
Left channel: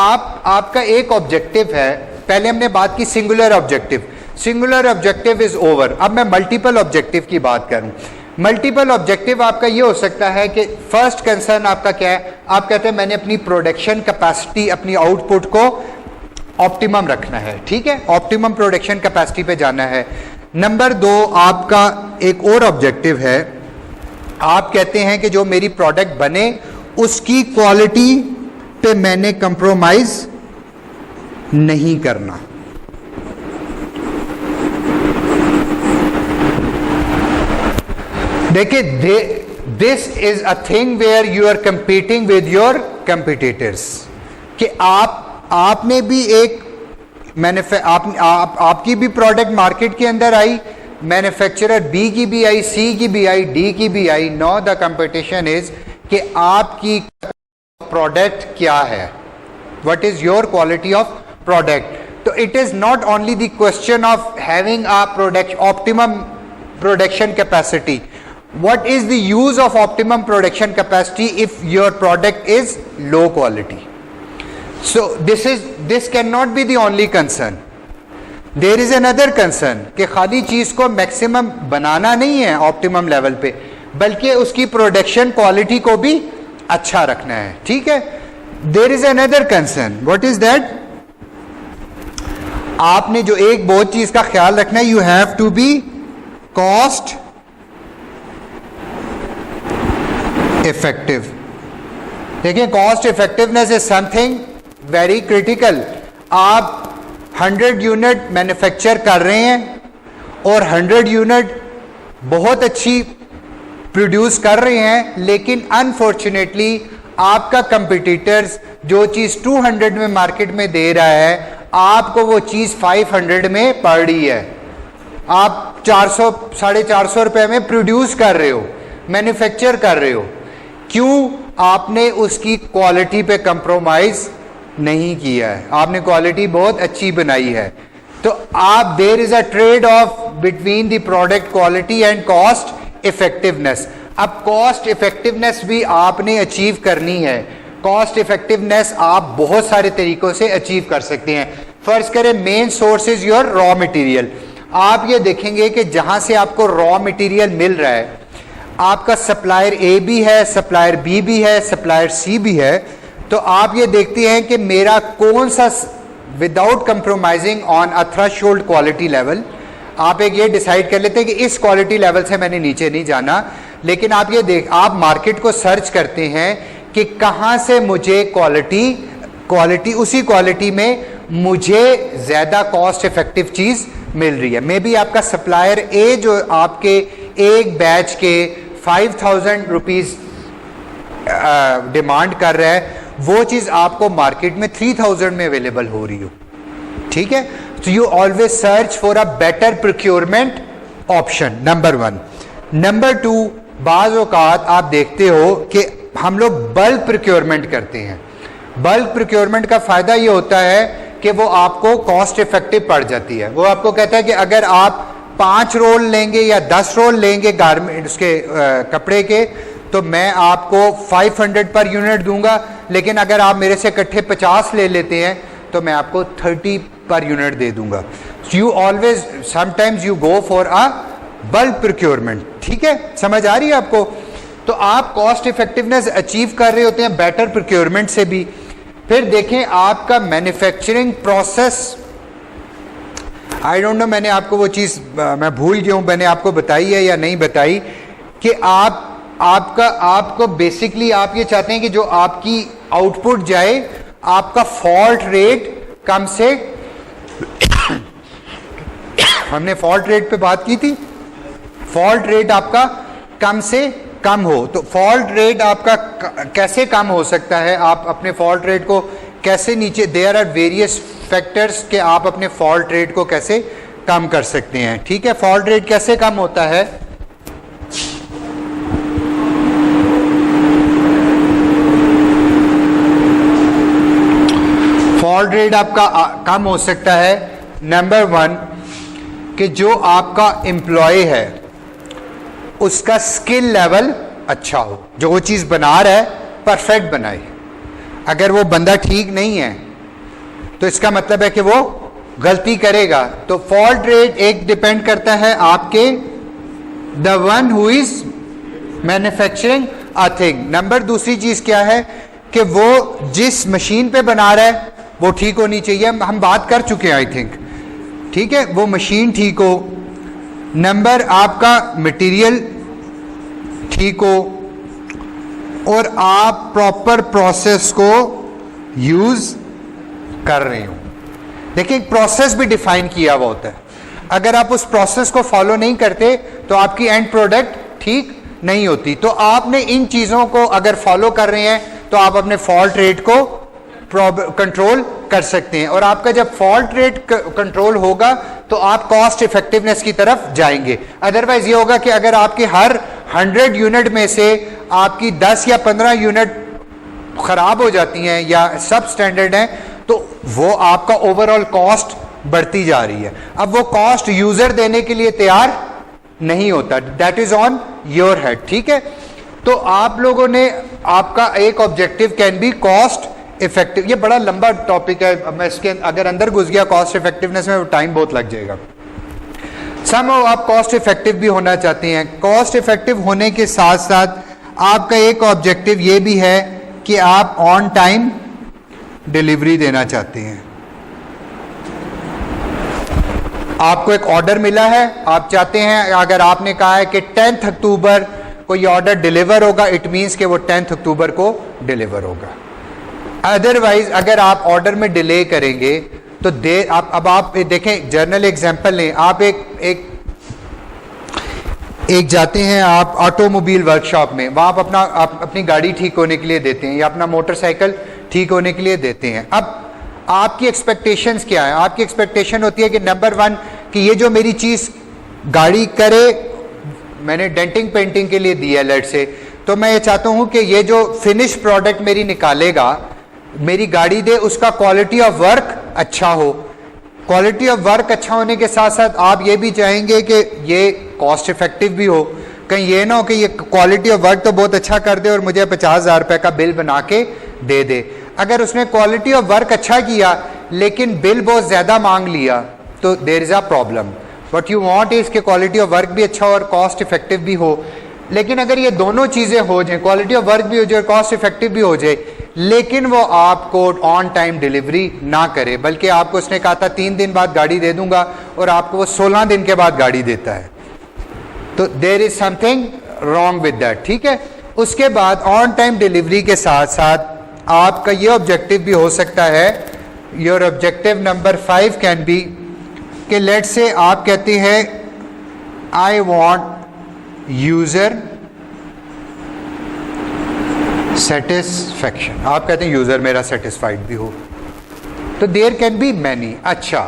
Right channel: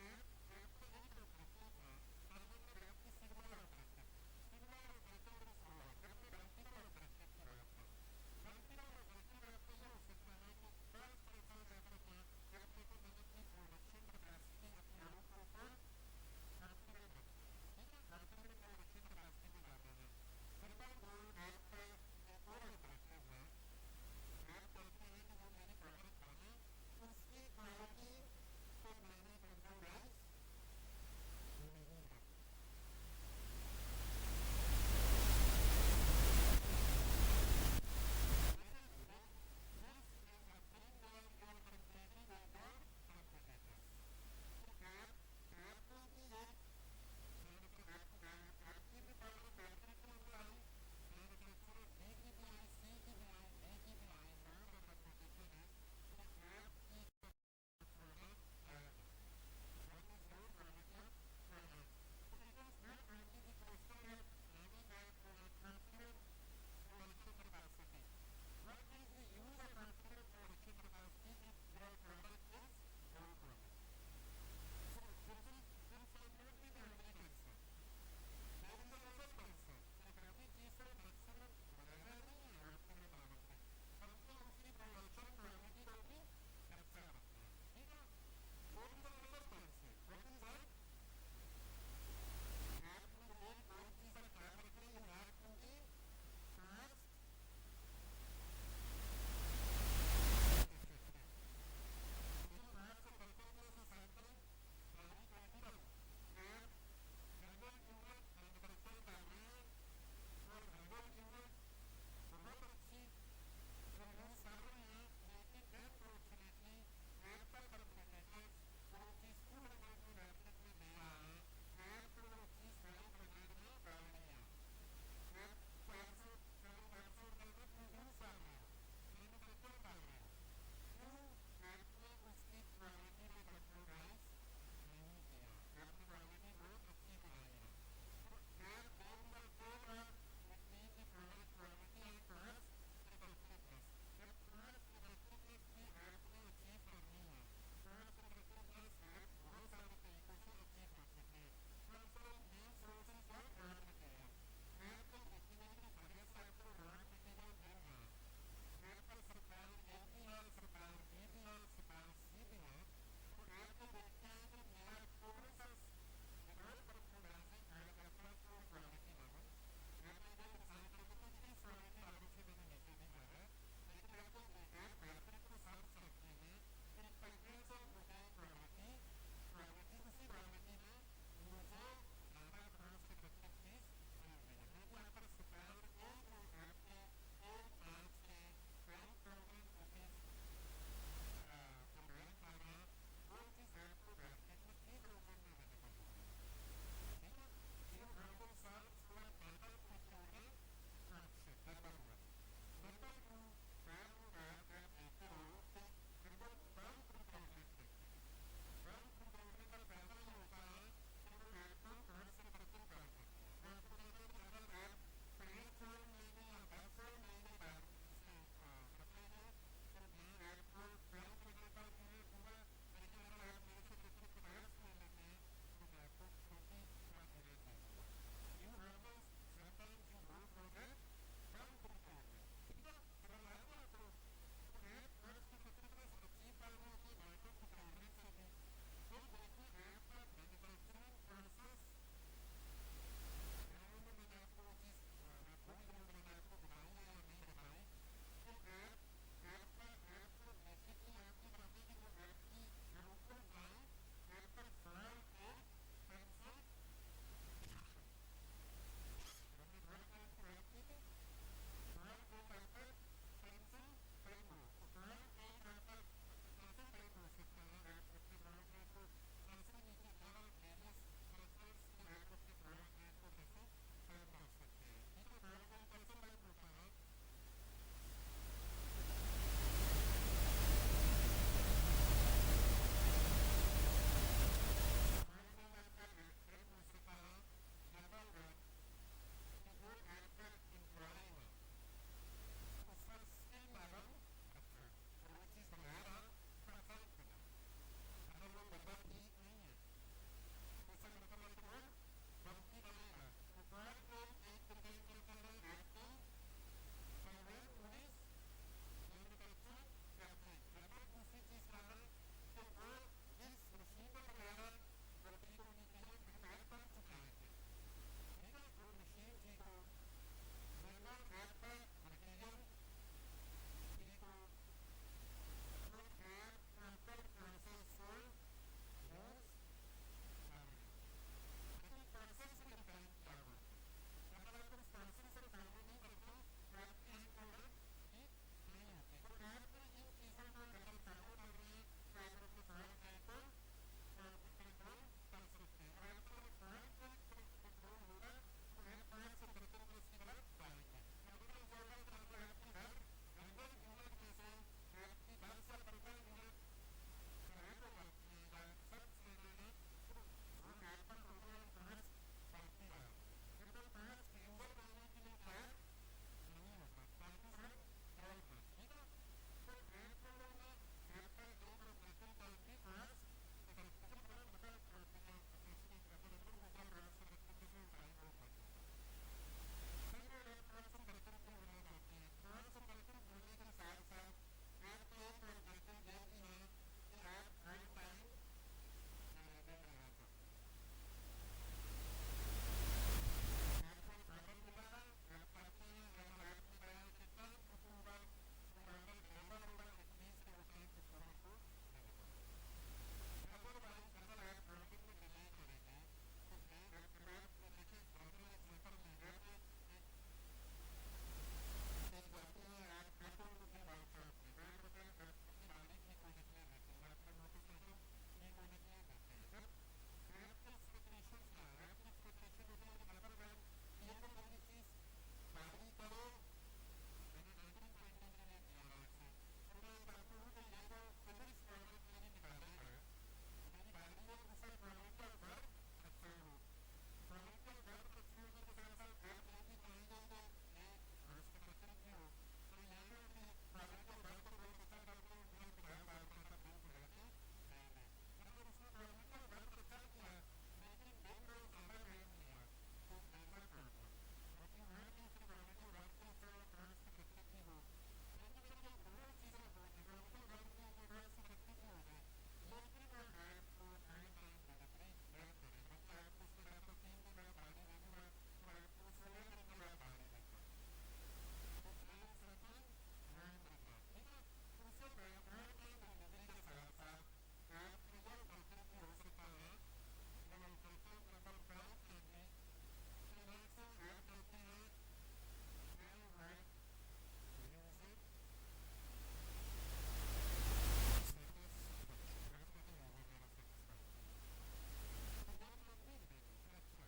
आपका एक ऑब्जेक्टिव है, पहले हमने बात की singular objective, singular objective is over, अब मैं मल्टीपल ऑब्जेक्टिव की बात करूं। मल्टीपल ऑब्जेक्टिव आपका ये हो सकता है कि फर्स्ट कंसर्न आपका क्या है, आप कहते हैं मैंने अपनी प्रोडक्शन कैपेसिटी, अपनी आउटपुट को ऑप्टिमम रखना है, ठीक है, ऑप्टिमम प्रोडक्शन कैपेसिटी पे जाना है। नंबर 2 आपका एक और ऑब्जेक्टिव है, आप कहते हैं कि जो मेरी प्रोडक्ट बने उसकी क्वालिटी पे मैंने कंप्रोमाइज नहीं करना। देखिए, this is a thing where you are competing with your competitors, कि आपने भी एक आपकी भी प्रोडक्ट मार्केट के अंदर आई, मैन्युफैक्चरर बी की भी आई, सी की भी आई, डी की भी I. No, the competition is कि आपकी प्रोडक्ट क्या है, what is your quality of product. तो it is not only the question of having a product optimum production capacity, what is the use of optimum production capacity if your product is low quality. So this cannot be the only concern. There is another concern कि खाली चीज को maximum बनाना नहीं है optimum level पे, बल्कि उसकी production quality को भी अच्छा रखना है। ठीक है, there is another concern, what is that, आपने जो एक बहुत चीज का ख्याल रखना है, you have to be cost effective. देखिए, cost effectiveness is something very critical. आप 100 यूनिट मैन्युफैक्चर कर रहे हैं और 100 यूनिट बहुत अच्छी प्रोड्यूस कर रहे हैं, लेकिन अनफॉर्चुनेटली आपका कंपटीटर्स जो चीज़ 200 में मार्केट में दे रहा है, आपको वो चीज़ 500 में पड़ रही है। आप 400 450 रुपए में प्रोड्यूस कर रहे हो, मैन्युफैक्चर कर रहे हो, क्यों? आपने उसकी क्वालिटी पे कंप्रोमाइज नहीं किया है, आपने क्वालिटी बहुत अच्छी बनाई है। तो आप, there is a trade off between the product quality and cost effectiveness. अब कॉस्ट इफेक्टिवनेस भी आपने अचीव करनी है। कॉस्ट इफेक्टिवनेस आप बहुत सारे तरीकों से अचीव कर सकते हैं। फर्ज करें main source is your raw material. आप ये देखेंगे कि जहां से आपको रॉ मटेरियल मिल रहा है, आपका सप्लायर ए भी है, सप्लायर बी भी है, सप्लायर सी भी है, तो आप ये देखते हैं कि मेरा कौन सा, without compromising on a threshold quality level, आप एक ये डिसाइड कर लेते हैं कि इस क्वालिटी लेवल से मैंने नीचे नहीं जाना। लेकिन आप ये आप मार्केट को सर्च करते हैं कि कहाँ से मुझे क्वालिटी उसी क्वालिटी में मुझे ज़्यादा कॉस्ट इफेक्टिव चीज़ मिल रही है। मे बी आपका सप्लायर ए जो आपके एक बैच के 5000 रुपीज़ डिमांड कर रहा है, वो चीज़ आपको मार्केट में 3000 में अवेलेबल हो रही हो। ठीक है, तो you always search for a better procurement option, number 1। Number 2, बाज़ औक़ात आप देखते हो कि हम लोग बल्क प्रोक्योरमेंट करते हैं। बल्क प्रोक्योरमेंट का फ़ायदा ये होता है कि वो आपको कॉस्ट इफेक्टिव पड़ जाती है। वो आपको कहता है कि अगर आप 5 रोल लेंगे या 10 रोल लेंगे गारमेंट उसके कपड़े के, तो मैं आपको 500 पर यूनिट दूंगा, लेकिन अगर आप मेरे से इकट्ठे 50 ले लेते हैं तो मैं आपको 30 पर यूनिट दे दूंगा। You always, sometimes you go for a bulk procurement. ठीक है, समझ आ रही है आपको? तो आप कॉस्ट इफेक्टिवनेस अचीव कर रहे होते हैं बेटर प्रोक्योरमेंट से भी, फिर देखें आपका manufacturing process, I don't know मैंने आपको वो चीज़ मैं भूल गया हूँ, मैंने आपको बताई है या नहीं बताई, कि आपको बेसिकली आप ये चाहते हैं कि जो आपकी आउटपुट जाए, आपका फॉल्ट रेट कम से हमने फॉल्ट रेट पे बात की थी, फॉल्ट रेट आपका कम से कम हो। तो फॉल्ट रेट आपका कैसे कम हो सकता है, आप अपने फॉल्ट रेट को कैसे नीचे, देयर आर वेरियस फैक्टर्स के आप अपने फॉल्ट रेट को कैसे कम कर सकते हैं। ठीक है, फॉल्ट रेट कैसे कम होता है? फॉल्ट रेट आपका कम हो सकता है, नंबर 1 कि जो आपका एम्प्लॉय है उसका स्किल लेवल अच्छा हो, जो वो चीज़ बना रहा है परफेक्ट बनाए। अगर वो बंदा ठीक नहीं है तो इसका मतलब है कि वो गलती करेगा। तो फॉल्ट रेट एक डिपेंड करता है आपके the one who is manufacturing a thing. Number दूसरी चीज़ क्या है कि वो जिस मशीन पे बना रहा है वो ठीक होनी चाहिए, हम बात कर चुके हैं आई थिंक। ठीक है, वो मशीन ठीक हो, नंबर आपका मटेरियल ठीक हो, और आप प्रॉपर प्रोसेस को यूज कर रहे हो। देखिए एक प्रोसेस भी डिफाइन किया हुआ होता है, अगर आप उस प्रोसेस को फॉलो नहीं करते तो आपकी एंड प्रोडक्ट ठीक नहीं होती। तो आपने इन चीज़ों को अगर फॉलो कर रहे हैं तो आप अपने फॉल्ट रेट को कंट्रोल कर सकते हैं, और आपका जब फॉल्ट रेट कंट्रोल होगा तो आप कॉस्ट इफेक्टिवनेस की तरफ जाएंगे। अदरवाइज ये होगा कि अगर आपके हर 100 यूनिट में से आपकी 10 या 15 यूनिट खराब हो जाती हैं या सब स्टैंडर्ड हैं, तो वो आपका ओवरऑल कॉस्ट बढ़ती जा रही है। अब वो कॉस्ट यूजर देने के लिए तैयार नहीं होता, that is on your head. ठीक है, तो आप लोगों ने, आपका एक objective can be cost effective. ये बड़ा लंबा टॉपिक है, अब मैं इसके अगर अंदर घुस गया कॉस्ट इफेक्टिवनेस में टाइम बहुत लग जाएगा। समहाउ आप कॉस्ट इफेक्टिव भी होना चाहते हैं। कॉस्ट इफेक्टिव होने के साथ साथ आपका एक ऑब्जेक्टिव ये भी है कि आप ऑन टाइम डिलीवरी देना चाहते हैं। आपको एक ऑर्डर मिला है, आप चाहते हैं, अगर आपने कहा है कि 10 अक्टूबर को ये ऑर्डर डिलीवर होगा, इट मीन्स कि वो 10 अक्टूबर को डिलीवर होगा। अदरवाइज अगर आप ऑर्डर में डिले करेंगे तो देर अब आप देखें, जर्नल एग्जांपल लें, आप एक जाते हैं आप ऑटोमोबाइल वर्कशॉप में, वहाँ आप अपनी गाड़ी ठीक होने के लिए देते हैं या अपना मोटरसाइकिल ठीक होने के लिए देते हैं। अब आपकी एक्सपेक्टेशंस क्या है? आपकी एक्सपेक्टेशन होती है कि नंबर 1 कि ये जो मेरी चीज़ गाड़ी करे, मैंने डेंटिंग पेंटिंग के लिए दी है लेट से, तो मैं ये चाहता हूँ कि ये जो फिनिश प्रोडक्ट मेरी निकालेगा, मेरी गाड़ी दे, उसका क्वालिटी ऑफ वर्क अच्छा हो। क्वालिटी ऑफ वर्क अच्छा होने के साथ साथ आप ये भी चाहेंगे कि ये कॉस्ट इफेक्टिव भी हो। कहीं ये ना हो कि ये क्वालिटी ऑफ वर्क तो बहुत अच्छा कर दे और मुझे 50,000 रुपये का बिल बना के दे दे। अगर उसने क्वालिटी ऑफ वर्क अच्छा किया लेकिन बिल बहुत ज़्यादा मांग लिया तो there is a problem. What you want is कि क्वालिटी ऑफ वर्क भी अच्छा हो और कॉस्ट इफेक्टिव भी हो। लेकिन अगर ये दोनों चीज़ें हो जाए, क्वालिटी ऑफ वर्क भी हो जाए, कॉस्ट इफेक्टिव भी हो जाए, लेकिन वो आपको ऑन टाइम डिलीवरी ना करे, बल्कि आपको उसने कहा था 3 दिन बाद गाड़ी दे दूंगा और आपको वो 16 दिन के बाद गाड़ी देता है, तो there is something wrong with that. ठीक है, उसके बाद ऑन टाइम डिलीवरी के साथ साथ आपका ये ऑब्जेक्टिव भी हो सकता है, your objective number 5 can be कि लेट से आप कहते हैं आई वांट यूजर सेटिस्फैक्शन, आप कहते हैं यूजर मेरा सेटिस्फाइड भी हो, तो देयर कैन बी मैनी। अच्छा,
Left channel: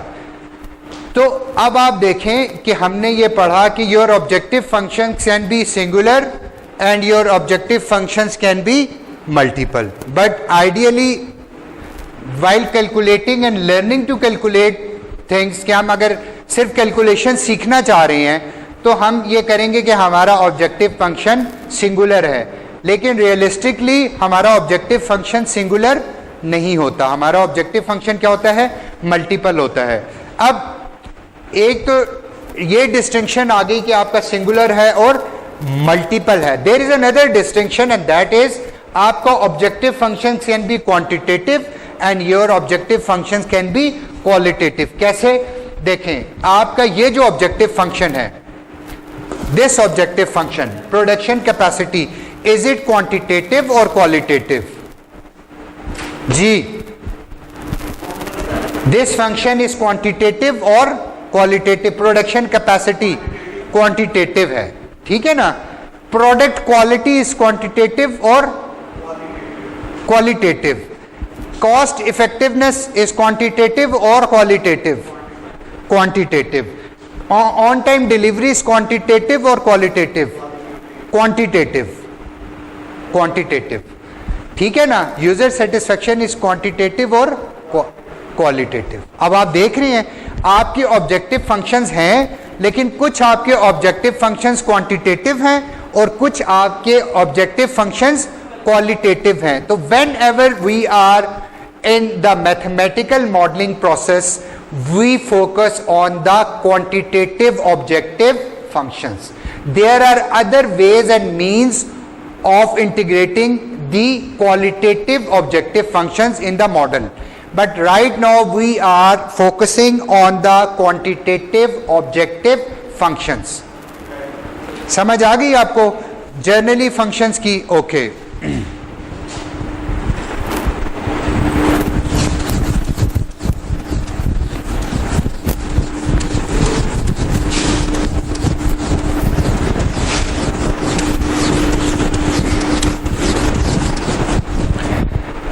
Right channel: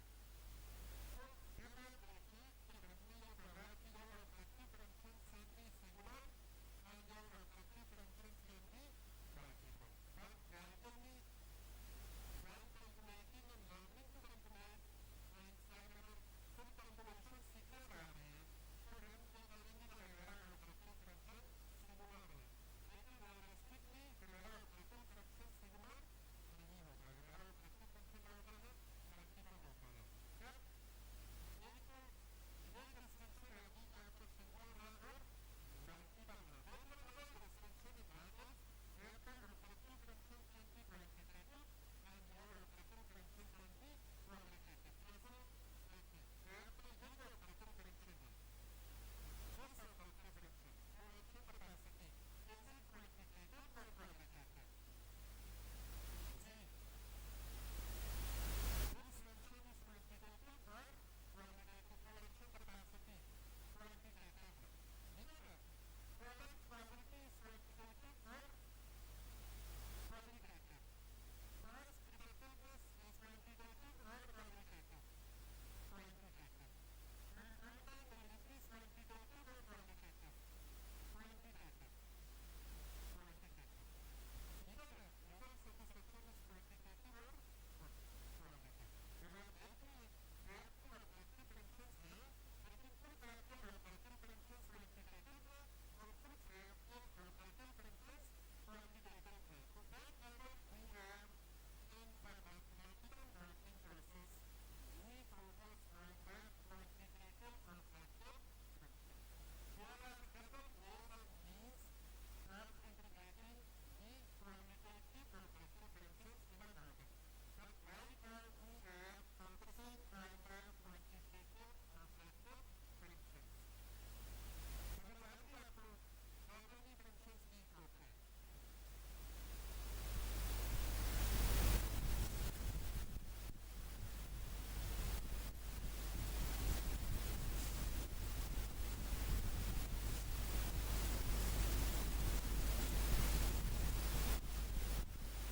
तो अब आप देखें कि हमने ये पढ़ा कि your objective function can be singular and your objective functions can be multiple, but ideally while calculating and learning to calculate things, कि हम अगर सिर्फ कैलकुलेशन सीखना चाह रहे हैं तो हम ये करेंगे कि हमारा ऑब्जेक्टिव फंक्शन सिंगुलर है, लेकिन रियलिस्टिकली हमारा ऑब्जेक्टिव फंक्शन सिंगुलर नहीं होता। हमारा ऑब्जेक्टिव फंक्शन क्या होता है? मल्टीपल होता है। अब एक तो ये डिस्टिंक्शन आ गई कि आपका सिंगुलर है और मल्टीपल है। There is another distinction and that is आपका objective function can be quantitative and your objective functions can be qualitative. कैसे? देखें, आपका ये जो ऑब्जेक्टिव फंक्शन है, this objective function production capacity, is it quantitative और क्वालिटेटिव? जी, दिस फंक्शन इज क्वांटिटेटिव और क्वालिटेटिव। प्रोडक्शन कैपेसिटी क्वांटिटेटिव है, ठीक है ना। प्रोडक्ट क्वालिटी इज क्वांटिटेटिव और qualitative. Cost effectiveness is quantitative और qualitative? Quantitative. On time delivery is quantitative और क्वालिटेटिव? क्वांटिटेटिव। क्वांटिटेटिव, ठीक है ना। यूजर सेटिस्फेक्शन इज क्वांटिटेटिव और क्वालिटेटिव। अब आप देख रहे हैं आपके ऑब्जेक्टिव फंक्शंस हैं, लेकिन कुछ आपके ऑब्जेक्टिव फंक्शंस क्वांटिटेटिव हैं और कुछ आपके ऑब्जेक्टिव फंक्शंस क्वालिटेटिव हैं। तो whenever we are in the mathematical modelling process, we focus on the quantitative objective functions. There are other ways and means of integrating the qualitative objective functions in the model, but right now we are focusing on the quantitative objective functions. समझ आ गई आपको generally functions की? Okay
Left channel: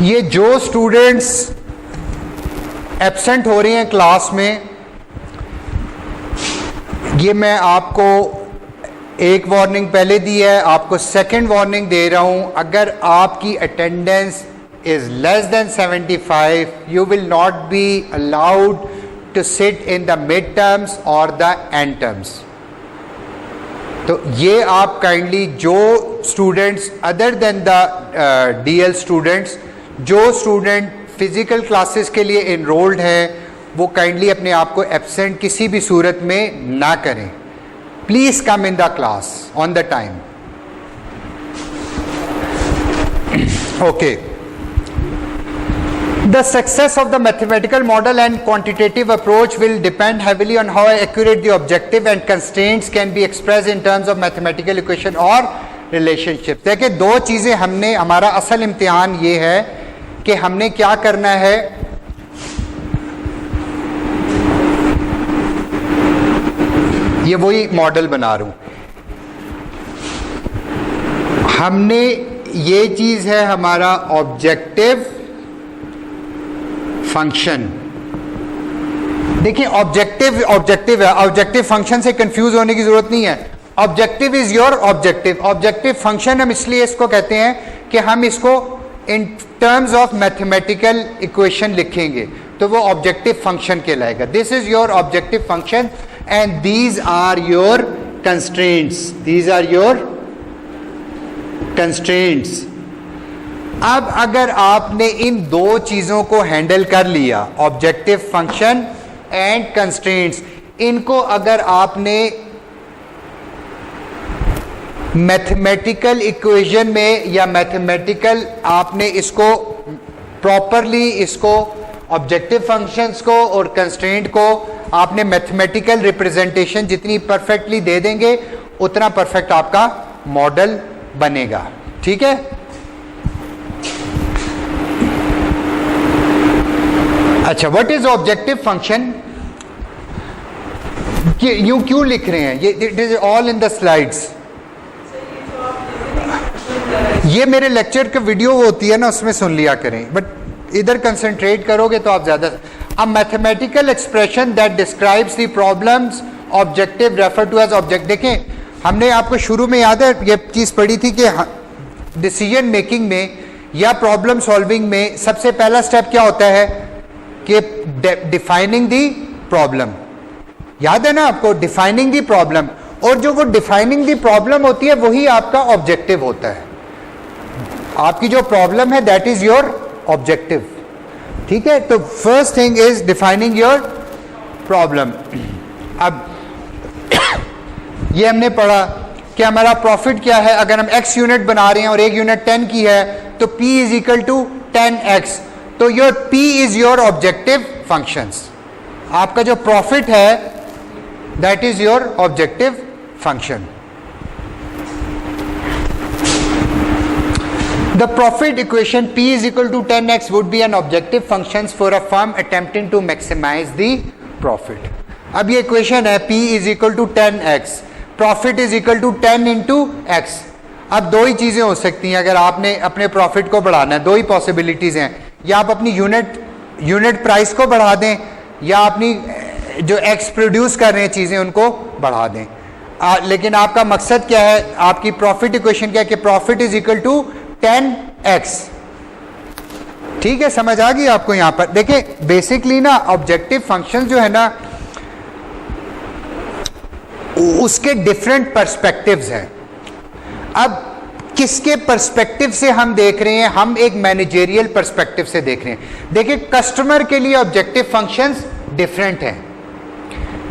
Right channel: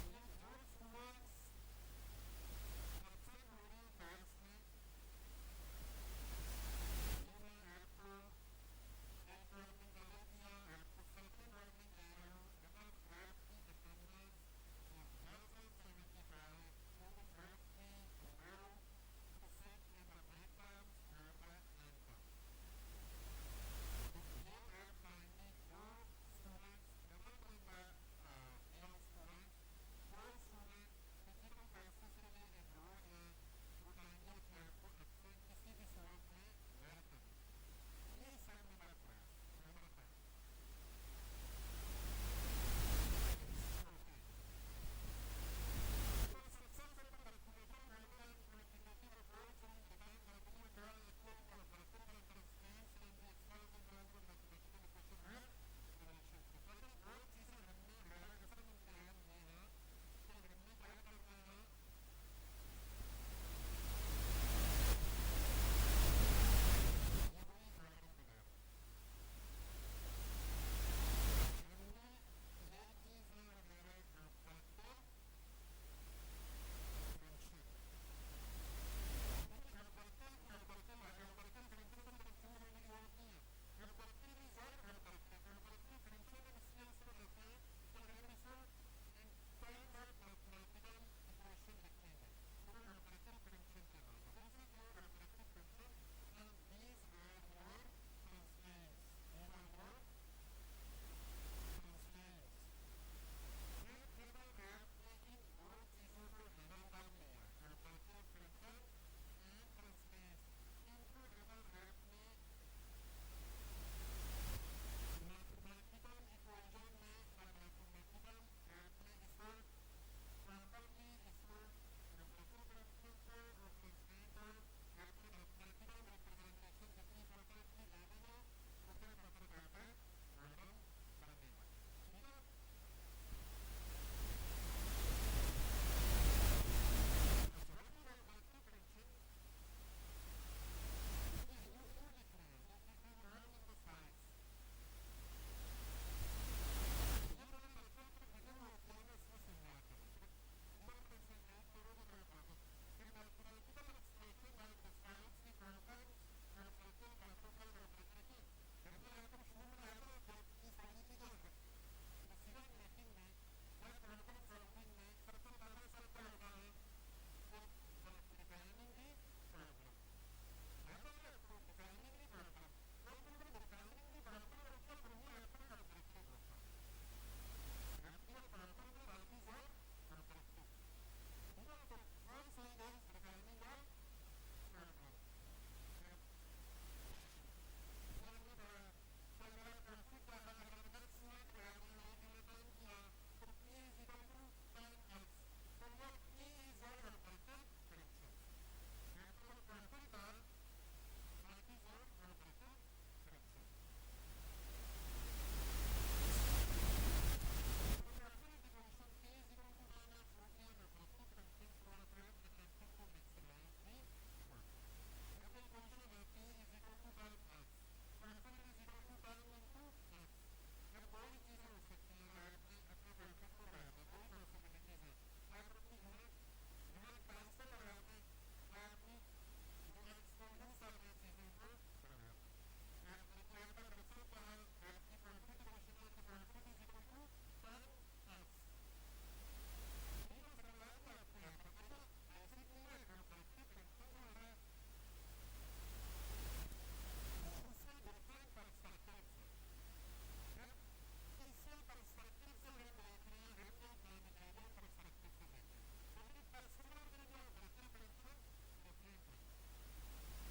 ये जो students absent हो रही हैं class में, ये मैं आपको एक वार्निंग पहले दी है, आपको सेकंड वार्निंग दे रहा हूं। अगर आपकी attendance is less than 75, you will not be allowed to sit in the mid terms और द एंड टर्म्स। तो ये आप काइंडली जो students other than the DL students, जो स्टूडेंट फिजिकल क्लासेस के लिए इनरोल्ड हैं, वो काइंडली अपने आप को एब्सेंट किसी भी सूरत में ना करें। Please come in the class on the time. Okay, the success of the mathematical model and quantitative approach will depend heavily on how accurate the objective and constraints can be express in terms of mathematical equation और relationship. देखिए, दो चीजें हमने, हमारा असल इम्तिहान ये है कि हमने क्या करना है, ये वही मॉडल बना रहा हूं, हमने ये चीज है हमारा ऑब्जेक्टिव फंक्शन। देखिए, ऑब्जेक्टिव ऑब्जेक्टिव है, ऑब्जेक्टिव फंक्शन से कंफ्यूज होने की जरूरत नहीं है। Objective is your objective. Objective function हम इसलिए इसको कहते हैं कि हम इसको in terms of mathematical equation लिखेंगे तो वो ऑब्जेक्टिव फंक्शन कहलाएगा। This is your objective function and these are your constraints. These are your constraints. अब अगर आपने इन दो चीजों को हैंडल कर लिया, ऑब्जेक्टिव फंक्शन एंड कंस्ट्रेंट्स, इनको अगर आपने मैथमेटिकल इक्वेशन में या मैथमेटिकल आपने इसको प्रॉपरली, इसको ऑब्जेक्टिव फंक्शंस को और कंस्ट्रेंट को आपने मैथमेटिकल रिप्रेजेंटेशन जितनी परफेक्टली दे देंगे उतना परफेक्ट आपका मॉडल बनेगा। ठीक है, अच्छा, व्हाट इज ऑब्जेक्टिव फंक्शन? यूं क्यों लिख रहे हैं? ये it is all in the slides. ये मेरे लेक्चर का वीडियो होती है ना, उसमें सुन लिया करें, बट इधर कंसंट्रेट करोगे तो आप ज्यादा। A mathematical expression that describes the problem's objective refer to as object. देखें, हमने आपको शुरू में याद है ये चीज पढ़ी थी कि डिसीजन मेकिंग में या प्रॉब्लम सॉल्विंग में सबसे पहला स्टेप क्या होता है कि डिफाइनिंग दी प्रॉब्लम। याद है ना आपको, डिफाइनिंग दी प्रॉब्लम। और जो वो डिफाइनिंग दी प्रॉब्लम होती है वही आपका ऑब्जेक्टिव होता है। आपकी जो प्रॉब्लम है दैट इज योर ऑब्जेक्टिव। ठीक है, तो first thing is defining your problem. अब ये हमने पढ़ा कि हमारा प्रॉफिट क्या है। अगर हम x यूनिट बना रहे हैं और एक यूनिट 10 की है तो p is equal to 10x। तो your P is your objective functions, आपका जो प्रॉफिट है that is your objective function. The profit equation P is equal to 10x would be an objective functions for a firm attempting to maximize the profit. अब ये equation है P is equal to 10x, profit is equal to 10 into x। अब दो ही चीज़ें हो सकती हैं अगर आपने अपने प्रॉफिट को बढ़ाना है, दो ही पॉसिबिलिटीज़ हैं, या आप अपनी यूनिट प्राइस को बढ़ा दें या अपनी जो एक्स प्रोड्यूस कर रहे हैं चीज़ें उनको बढ़ा दें। लेकिन आपका मकसद क्या है, आपकी प्रॉफिट इक्वेशन क्या है कि profit is equal to 10x। ठीक है, समझ आ गई आपको? यहां पर देखिए बेसिकली ना ऑब्जेक्टिव फंक्शन जो है ना उसके डिफरेंट पर्सपेक्टिव्स हैं। अब किसके पर्सपेक्टिव से हम देख रहे हैं? हम एक मैनेजरियल पर्सपेक्टिव से देख रहे हैं। देखिए कस्टमर के लिए ऑब्जेक्टिव फंक्शंस डिफरेंट हैं,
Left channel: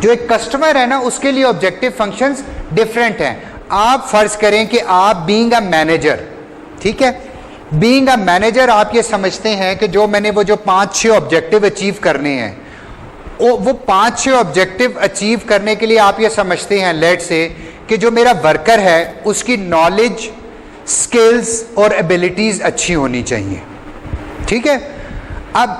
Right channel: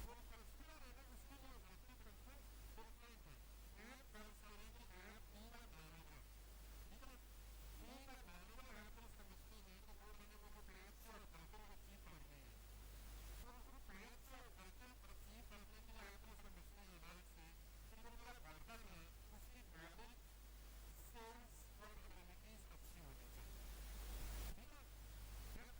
जो एक कस्टमर है ना उसके लिए ऑब्जेक्टिव फंक्शंस डिफरेंट हैं। आप फर्ज करें कि आप बीइंग अ मैनेजर, ठीक है, बीइंग अ मैनेजर आप ये समझते हैं कि जो मैंने वो जो 5-6 ऑब्जेक्टिव अचीव करने हैं, वो 5-6 ऑब्जेक्टिव अचीव करने के लिए आप ये समझते हैं लेट से कि जो मेरा वर्कर है उसकी नॉलेज, स्किल्स और एबिलिटीज अच्छी होनी चाहिए। ठीक है, अब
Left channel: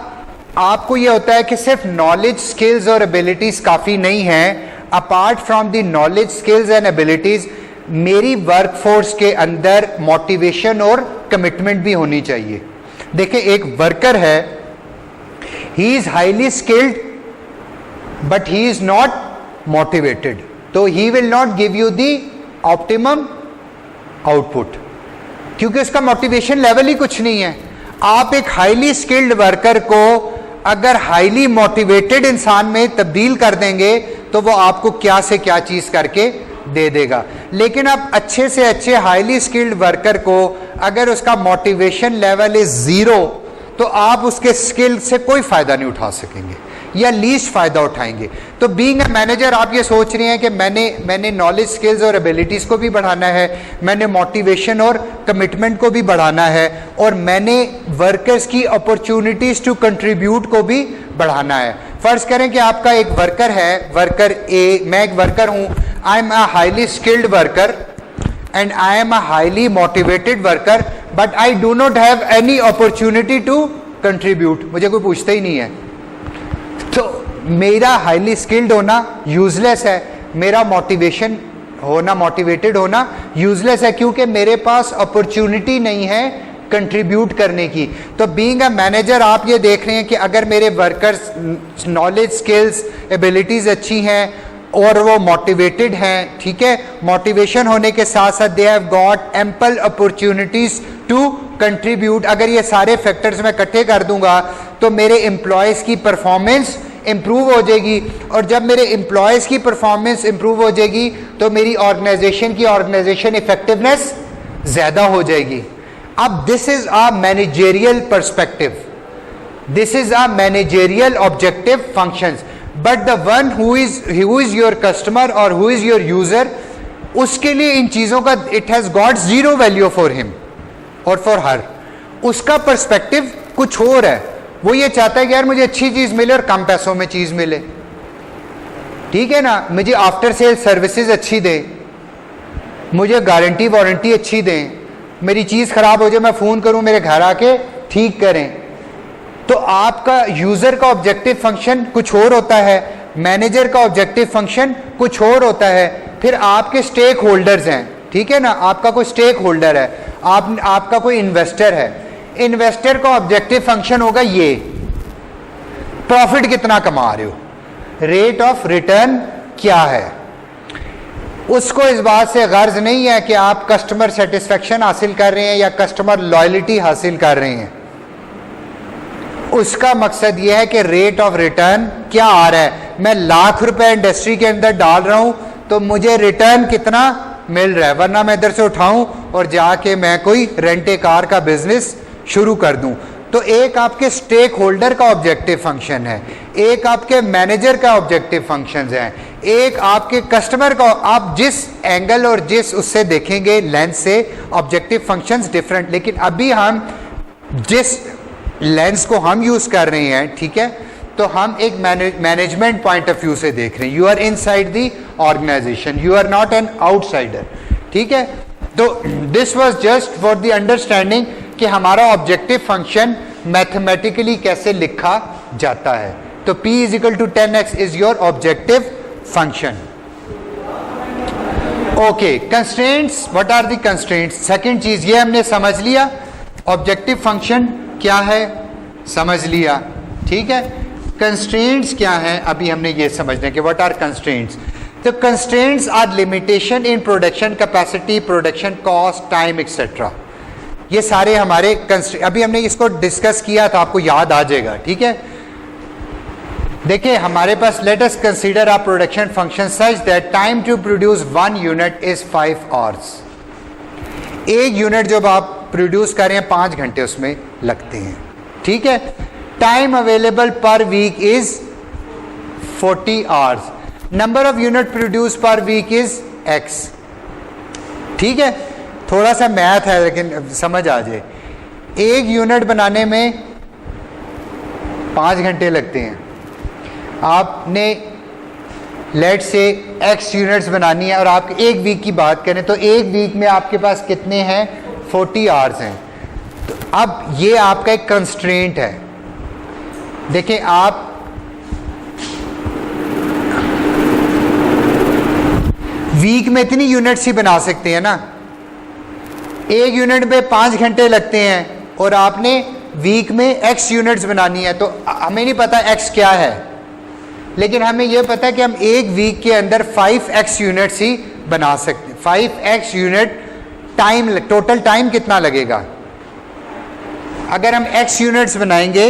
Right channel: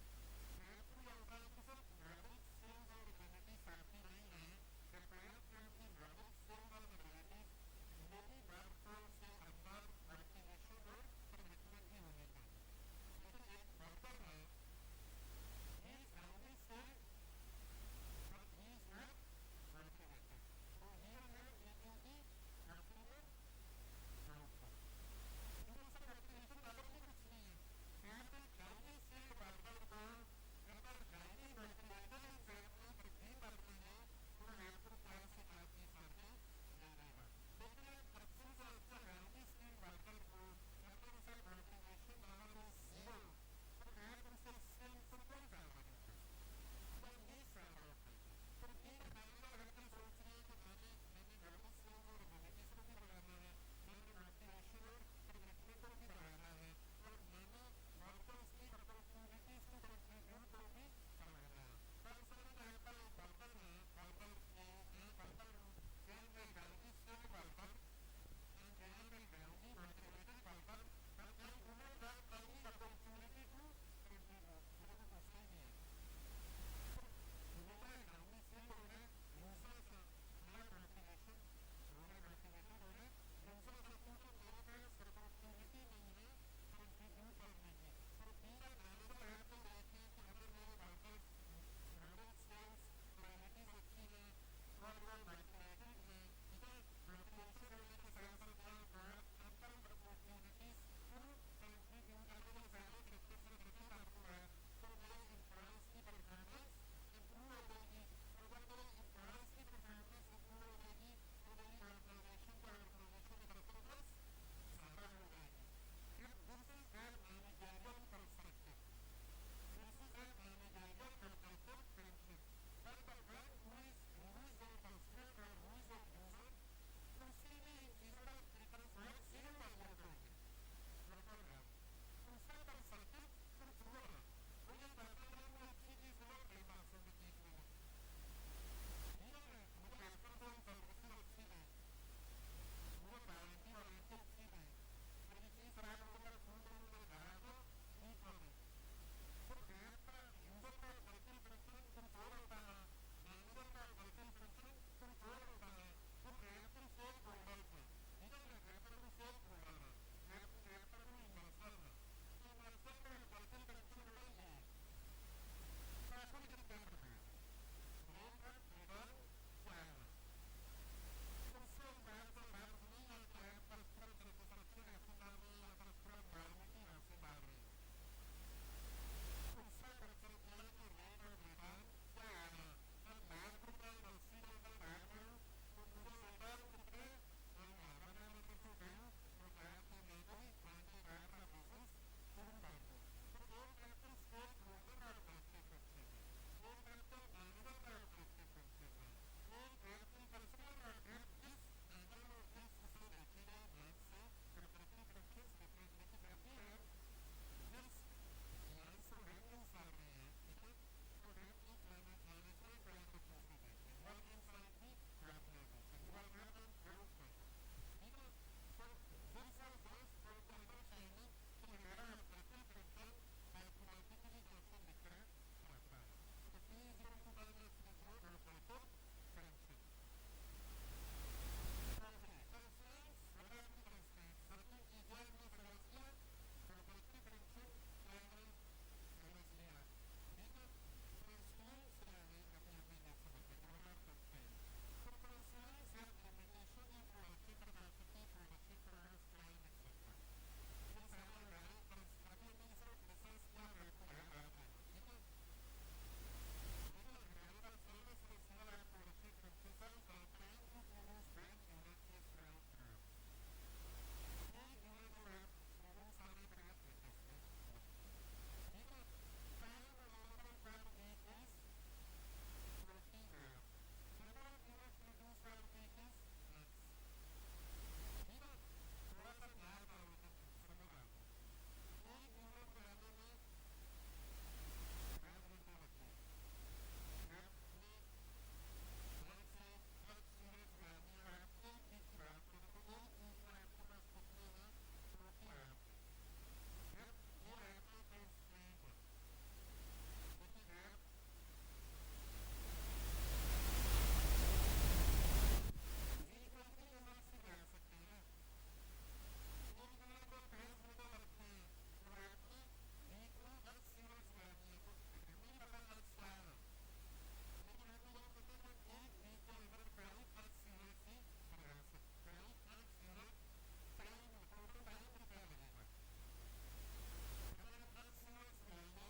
आपको ये होता है कि सिर्फ नॉलेज, स्किल्स और एबिलिटीज काफ़ी नहीं है। Apart from the knowledge, skills and abilities मेरी वर्कफोर्स के अंदर मोटिवेशन और कमिटमेंट भी होनी चाहिए। देखिए एक वर्कर है, he is highly skilled but he is not motivated, तो he will not give you the optimum output क्योंकि उसका मोटिवेशन लेवल ही कुछ नहीं है। आप एक हाईली स्किल्ड वर्कर को अगर हाईली मोटिवेटेड इंसान में तब्दील कर देंगे तो वो आपको क्या से क्या चीज करके दे देगा। लेकिन आप अच्छे से अच्छे हाईली स्किल्ड वर्कर को अगर उसका मोटिवेशन लेवल इज 0 तो आप उसके स्किल से कोई फायदा नहीं उठा सकेंगे या लीस्ट फायदा उठाएंगे। तो बीइंग अ मैनेजर आप ये सोच रहे हैं कि मैंने नॉलेज, स्किल्स और एबिलिटीज को भी बढ़ाना है, मैंने मोटिवेशन और कमिटमेंट को भी बढ़ाना है, और मैंने वर्कर्स की अपॉर्चुनिटीज टू कंट्रीब्यूट को भी बढ़ाना है। फर्ज करें कि आपका एक वर्कर है, वर्कर ए, मैं एक वर्कर हूं, I am a highly skilled worker and I am a highly motivated worker but I do not have any opportunity to contribute, मुझे कोई पूछता ही नहीं है, तो मेरा हाईली स्किल्ड होना यूजलेस है, मेरा मोटिवेशन होना, मोटिवेटेड होना यूजलेस है क्योंकि मेरे पास अपॉर्चुनिटी नहीं है कंट्रीब्यूट करने की। तो बीइंग अ मैनेजर आप ये देख रहे हैं कि अगर मेरे वर्कर्स नॉलेज, स्किल्स, एबिलिटीज अच्छी हैं और वो मोटिवेटेड हैं, ठीक है, मोटिवेशन होने के साथ साथ they have got ample opportunities to contribute, अगर ये सारे फैक्टर्स मैं इकट्ठे कर दूंगा तो मेरे एम्प्लॉयज़ की परफॉर्मेंस इंप्रूव हो जाएगी, और जब मेरे एम्प्लॉयज़ की परफॉर्मेंस इंप्रूव हो जाएगी तो मेरी ऑर्गेनाइजेशन इफेक्टिवनेस ज़्यादा हो जाएगी। अब this is a managerial perspective, this is a managerial objective functions, but the one who is your customer और हु इज योर यूजर, उसके लिए इन चीज़ों का it has got zero value for him और फॉर हर। उसका perspective कुछ और है, वो ये चाहता है कि यार मुझे अच्छी चीज़ मिले और कम पैसों में चीज़ मिले, ठीक है ना, मुझे आफ्टर सेल सर्विसेज अच्छी दें, मुझे गारंटी वारंटी अच्छी दें, मेरी चीज़ ख़राब हो जाए मैं फ़ोन करूं मेरे घर आके ठीक करें। तो आपका यूज़र का ऑब्जेक्टिव फंक्शन कुछ और होता है, मैनेजर का ऑब्जेक्टिव फंक्शन कुछ और होता है, फिर आपके स्टेक होल्डर्स हैं, ठीक है ना, आपका कोई स्टेक होल्डर है, आपका कोई इन्वेस्टर है, इन्वेस्टर का ऑब्जेक्टिव फंक्शन होगा ये प्रॉफिट कितना कमा रहे हो, रेट ऑफ रिटर्न क्या है। उसको इस बात से गर्ज नहीं है कि आप कस्टमर सेटिस्फेक्शन हासिल कर रहे हैं या कस्टमर लॉयल्टी हासिल कर रहे हैं, उसका मकसद यह है कि रेट ऑफ रिटर्न क्या आ रहा है, मैं लाख रुपए इंडस्ट्री के अंदर डाल रहा हूं तो मुझे रिटर्न कितना मिल रहा है, वरना मैं इधर से उठाऊं और जाके मैं कोई रेंटे कार का बिजनेस शुरू कर दूं। तो एक आपके स्टेक होल्डर का ऑब्जेक्टिव फंक्शन है, एक आपके मैनेजर का ऑब्जेक्टिव फंक्शन है, एक आपके कस्टमर का, आप जिस एंगल और जिस उससे देखेंगे लेंस से ऑब्जेक्टिव फंक्शंस डिफरेंट। लेकिन अभी हम जिस लेंस को हम यूज कर रहे हैं, ठीक है, तो हम एक मैनेजमेंट पॉइंट ऑफ व्यू से देख रहे हैं. You are inside the organisation, you are not an outsider. ठीक है, तो this was just for the understanding कि हमारा ऑब्जेक्टिव फंक्शन मैथमेटिकली कैसे लिखा जाता है. तो p is equal to 10x is your objective function. Okay, constraints, what are the constraints? Second चीज ये हमने समझ लिया, ऑब्जेक्टिव फंक्शन क्या है समझ लिया. ठीक है, कंस्ट्रेंट्स क्या है अभी हमने ये समझना है कि व्हाट आर कंस्ट्रेंट्स. तो constraints are limitation in production capacity, production cost, time et cetera. ये सारे हमारे अभी हमने इसको डिस्कस किया था, आपको याद आ जाएगा. ठीक है, देखिए हमारे पास let us consider a production function such that time to produce 1 unit is 5 hours. एक यूनिट जब आप प्रोड्यूस कर रहे हैं 5 घंटे उसमें लगते हैं. ठीक है, time available per week is 40 hours. Number of unit produce per week is x. ठीक है, थोड़ा सा मैथ है लेकिन समझ आ जाए. एक यूनिट बनाने में 5 घंटे लगते हैं. आपने लेट से x यूनिट्स बनानी है और आप एक वीक की बात करें तो एक वीक में आपके पास कितने हैं? 40 आवर्स हैं. तो अब ये आपका एक कंस्ट्रेंट है. देखिए आप वीक में इतनी यूनिट्स ही बना सकते हैं ना. एक यूनिट में 5 घंटे लगते हैं और आपने वीक में x यूनिट्स बनानी है. तो हमें नहीं पता x क्या है, लेकिन हमें यह पता है कि हम एक वीक के अंदर 5x यूनिट्स ही बना सकते हैं. 5x unit time, total time कितना लगेगा? अगर हम x यूनिट्स बनाएंगे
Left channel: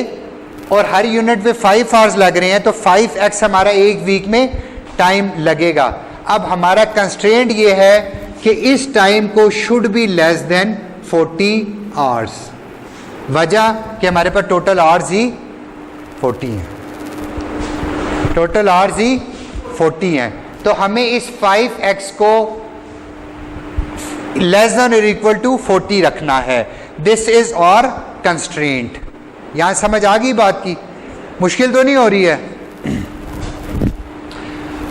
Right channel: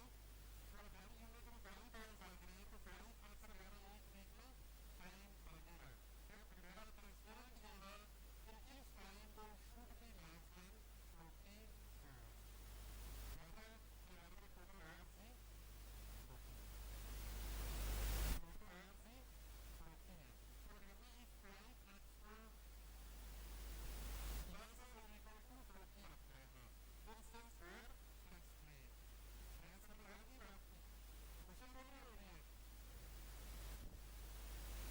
और हर यूनिट पे 5 आवर्स लग रहे हैं तो 5x हमारा एक वीक में टाइम लगेगा. अब हमारा कंस्ट्रेंट ये है कि इस टाइम को should be less than 40 hours. वजह कि हमारे पास टोटल आवर्स ही 40 हैं. टोटल आवर्स ही 40 हैं. तो हमें इस 5x को लेस देन और इक्वल टू 40 रखना है. दिस इज और कंस्ट्रेंट. यहां समझ आ गई बात की? मुश्किल तो नहीं हो रही है?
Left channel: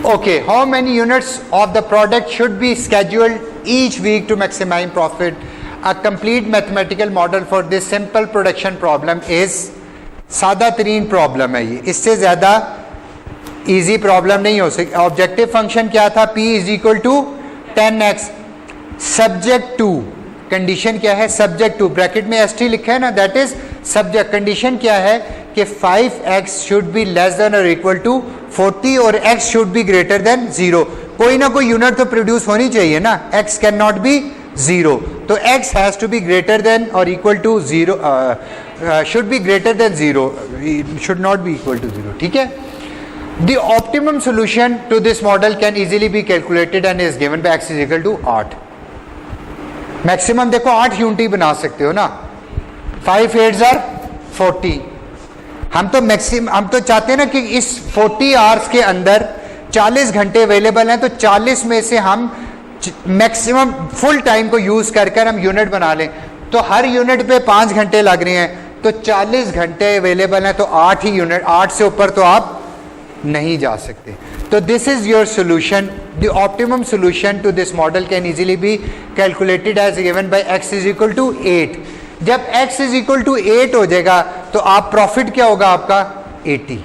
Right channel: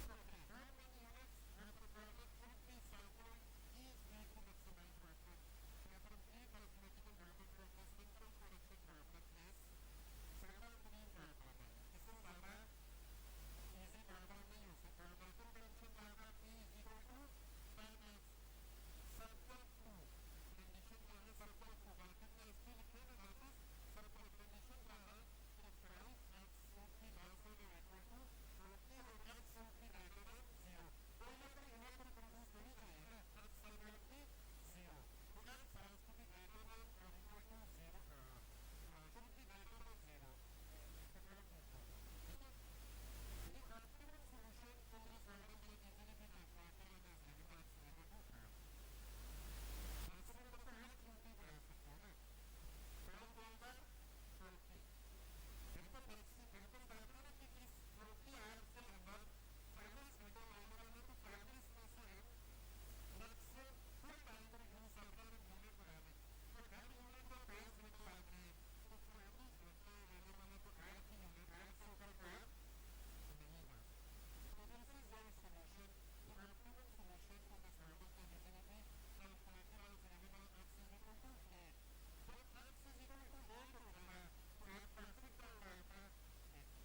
Okay, how many units of the product should be scheduled each week to maximise profit? A complete mathematical model for this simple production problem is. सादा तरीन प्रॉब्लम है ये, इससे ज्यादा इजी प्रॉब्लम नहीं हो सकती. ऑब्जेक्टिव फंक्शन क्या था? p is equal to 10x. Subject to, condition क्या है? सब्जेक्ट टू, ब्रैकेट में st लिखा है ना, दैट इज सब्जेक्ट. कंडीशन क्या है कि 5x should be less than और इक्वल टू 40 और x should be greater than 0. कोई ना कोई यूनिट तो प्रोड्यूस होनी चाहिए ना. x कैन नॉट बी 0, तो x has to be greater than और equal to 0, should be greater than 0, should not be equal to 0. ठीक है, the optimum solution to this model can easily be calculated and is given by x is equal to 8. Maximum देखो 8 unit ही बना सकते हो ना. 5 8s are 40. हम तो चाहते हैं ना कि इस 40 आवर्स के अंदर 40 घंटे अवेलेबल हैं, तो 40 में से हम मैक्सिमम फुल टाइम को यूज कर हम यूनिट बना लें. तो हर यूनिट पे 5 घंटे लग रहे हैं, तो 40 घंटे अवेलेबल हैं, तो 8 ही यूनिट, 8 से ऊपर तो आप नहीं जा सकते. तो this is your solution. The optimum solution to this model can easily be calculated as given by x is equal to 8. जब x इज इक्वल टू 8 हो जाएगा तो आप प्रॉफिट क्या होगा आपका? 80.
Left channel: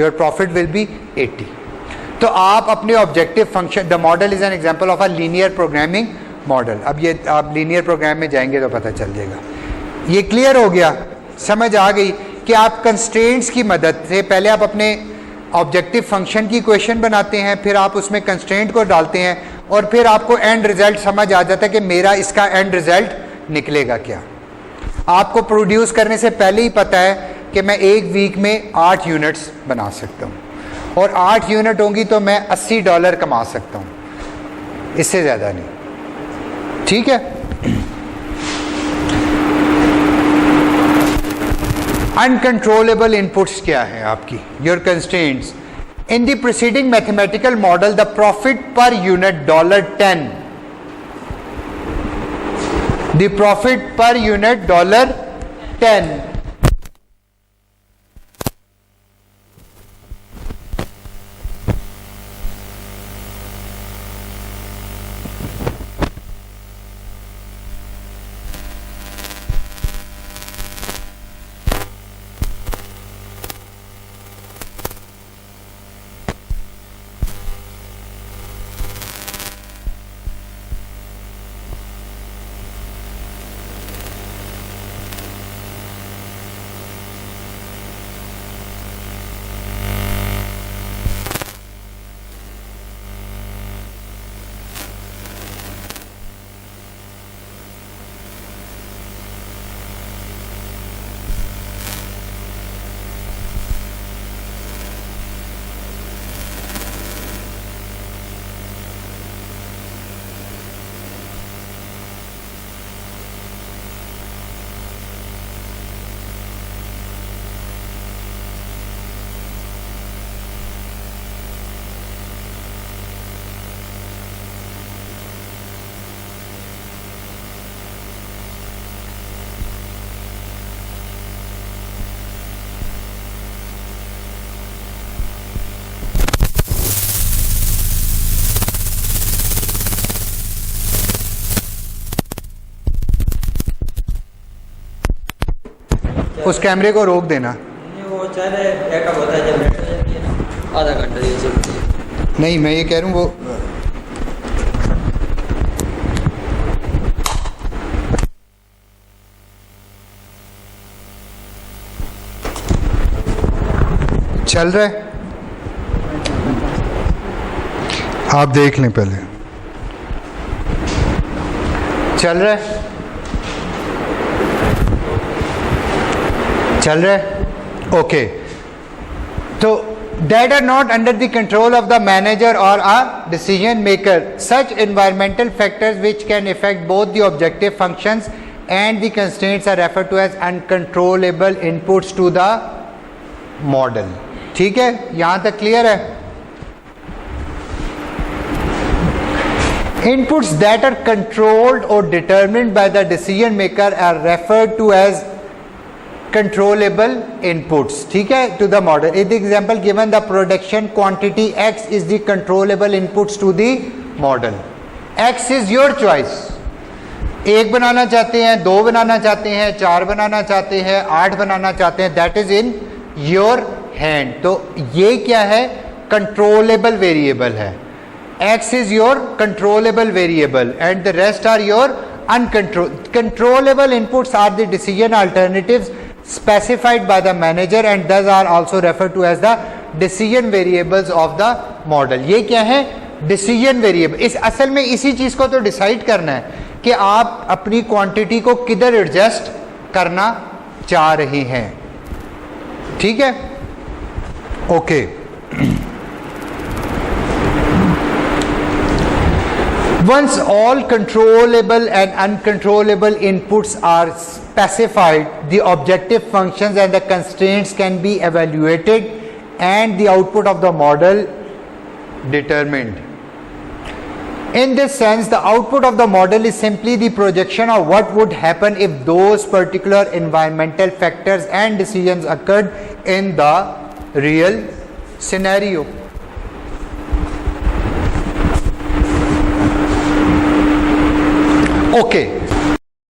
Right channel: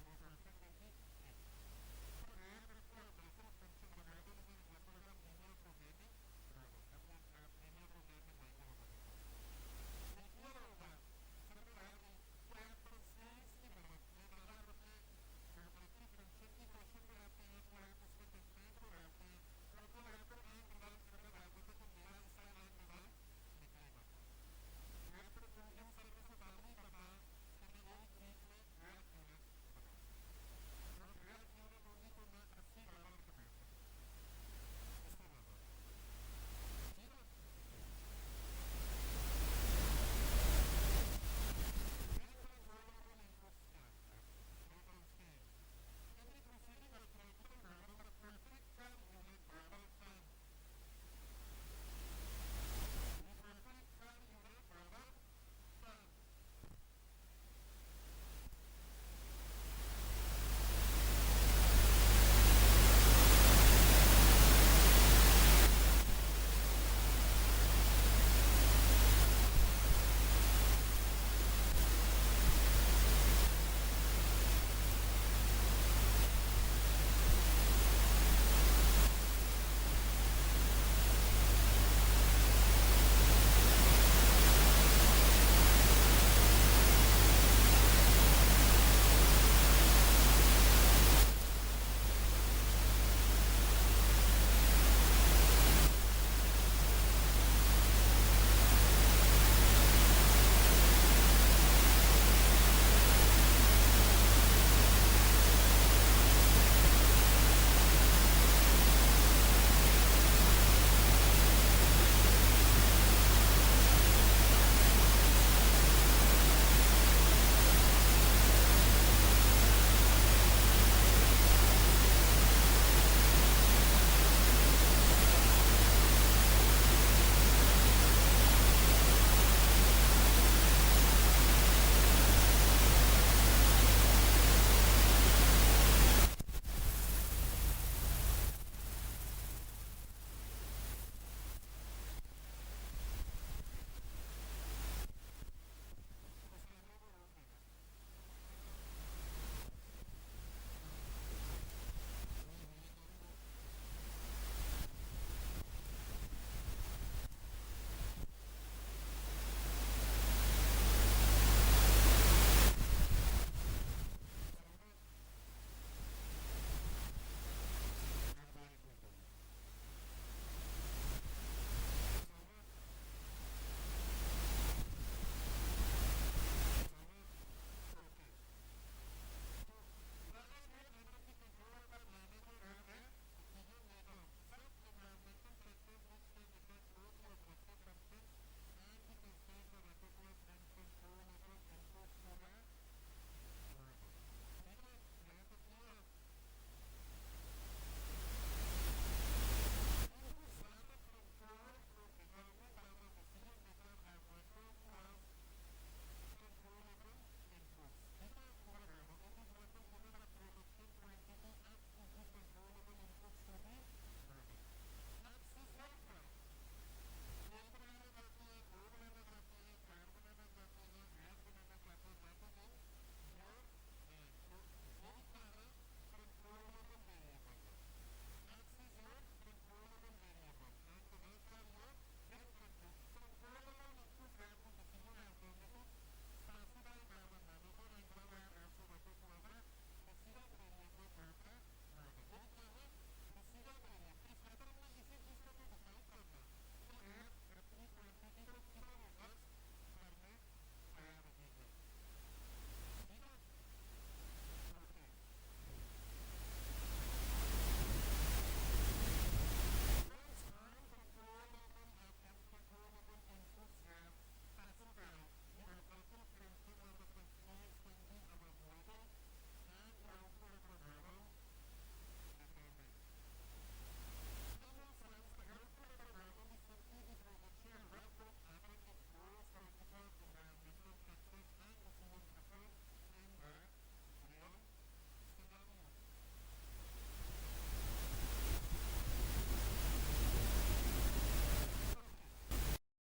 Your profit will be 80. तो आप अपने objective function, the model is an example of a linear programming model. अब ये आप लीनियर प्रोग्राम में जाएंगे तो पता चल जाएगा. ये क्लियर हो गया? समझ आ गई कि आप कंस्ट्रेंट्स की मदद से पहले आप अपने ऑब्जेक्टिव फंक्शन की इक्वेशन बनाते हैं, फिर आप उसमें कंस्ट्रेंट को डालते हैं और फिर आपको एंड रिजल्ट समझ आ जाता है कि मेरा इसका एंड रिजल्ट निकलेगा क्या. आपको प्रोड्यूस करने से पहले ही पता है कि मैं एक वीक में 8 यूनिट्स बना सकता हूँ और 8 यूनिट होंगी तो मैं $80 कमा सकता हूँ, इससे ज़्यादा नहीं. ठीक है, अनकंट्रोलेबल इनपुट्स क्या है आपकी? Your constraints. In the preceding mathematical model the profit per unit $10, the profit per unit $10 उस कैमरे को रोक देना। वो चाह रहे बैकअप होता है जब बैटरी हो जाती है ना, आधा घंटा ये चलती है। नहीं, मैं ये कह रहा हूँ वो चल रहा है, आप देख लें पहले। चल रहा है, चल रहा है, ओके। तो that are not under the control of the manager or a decision maker. Such environmental factors which can affect both the objective functions and the constraints are referred to as uncontrollable inputs to the model. ठीक है, यहां तक clear है? Inputs that are controlled or determined by the decision maker are referred to as controllable inputs. ठीक है, to the model. In the example given, the production quantity X is the controllable inputs to the model. X is your choice. एक बनाना चाहते हैं, दो बनाना चाहते हैं, चार बनाना चाहते हैं, 8 बनाना चाहते हैं, that is in your hand. तो ये क्या है? controllable variable है. X is your controllable variable and the rest are your controllable inputs are the decision alternatives specified by the manager and thus are also referred to as the decision variables of the model. ये क्या है? decision variable. इस असल में इसी चीज को तो डिसाइड करना है कि आप अपनी क्वांटिटी को किधर एडजस्ट करना चाह रहे हैं। ठीक है, okay. Once all controllable and uncontrollable inputs are specified, the objective functions and the constraints can be evaluated and the output of the model determined. In this sense, the output of the model is simply the projection of what would happen if those particular environmental factors and decisions occurred in the real scenario. Okay,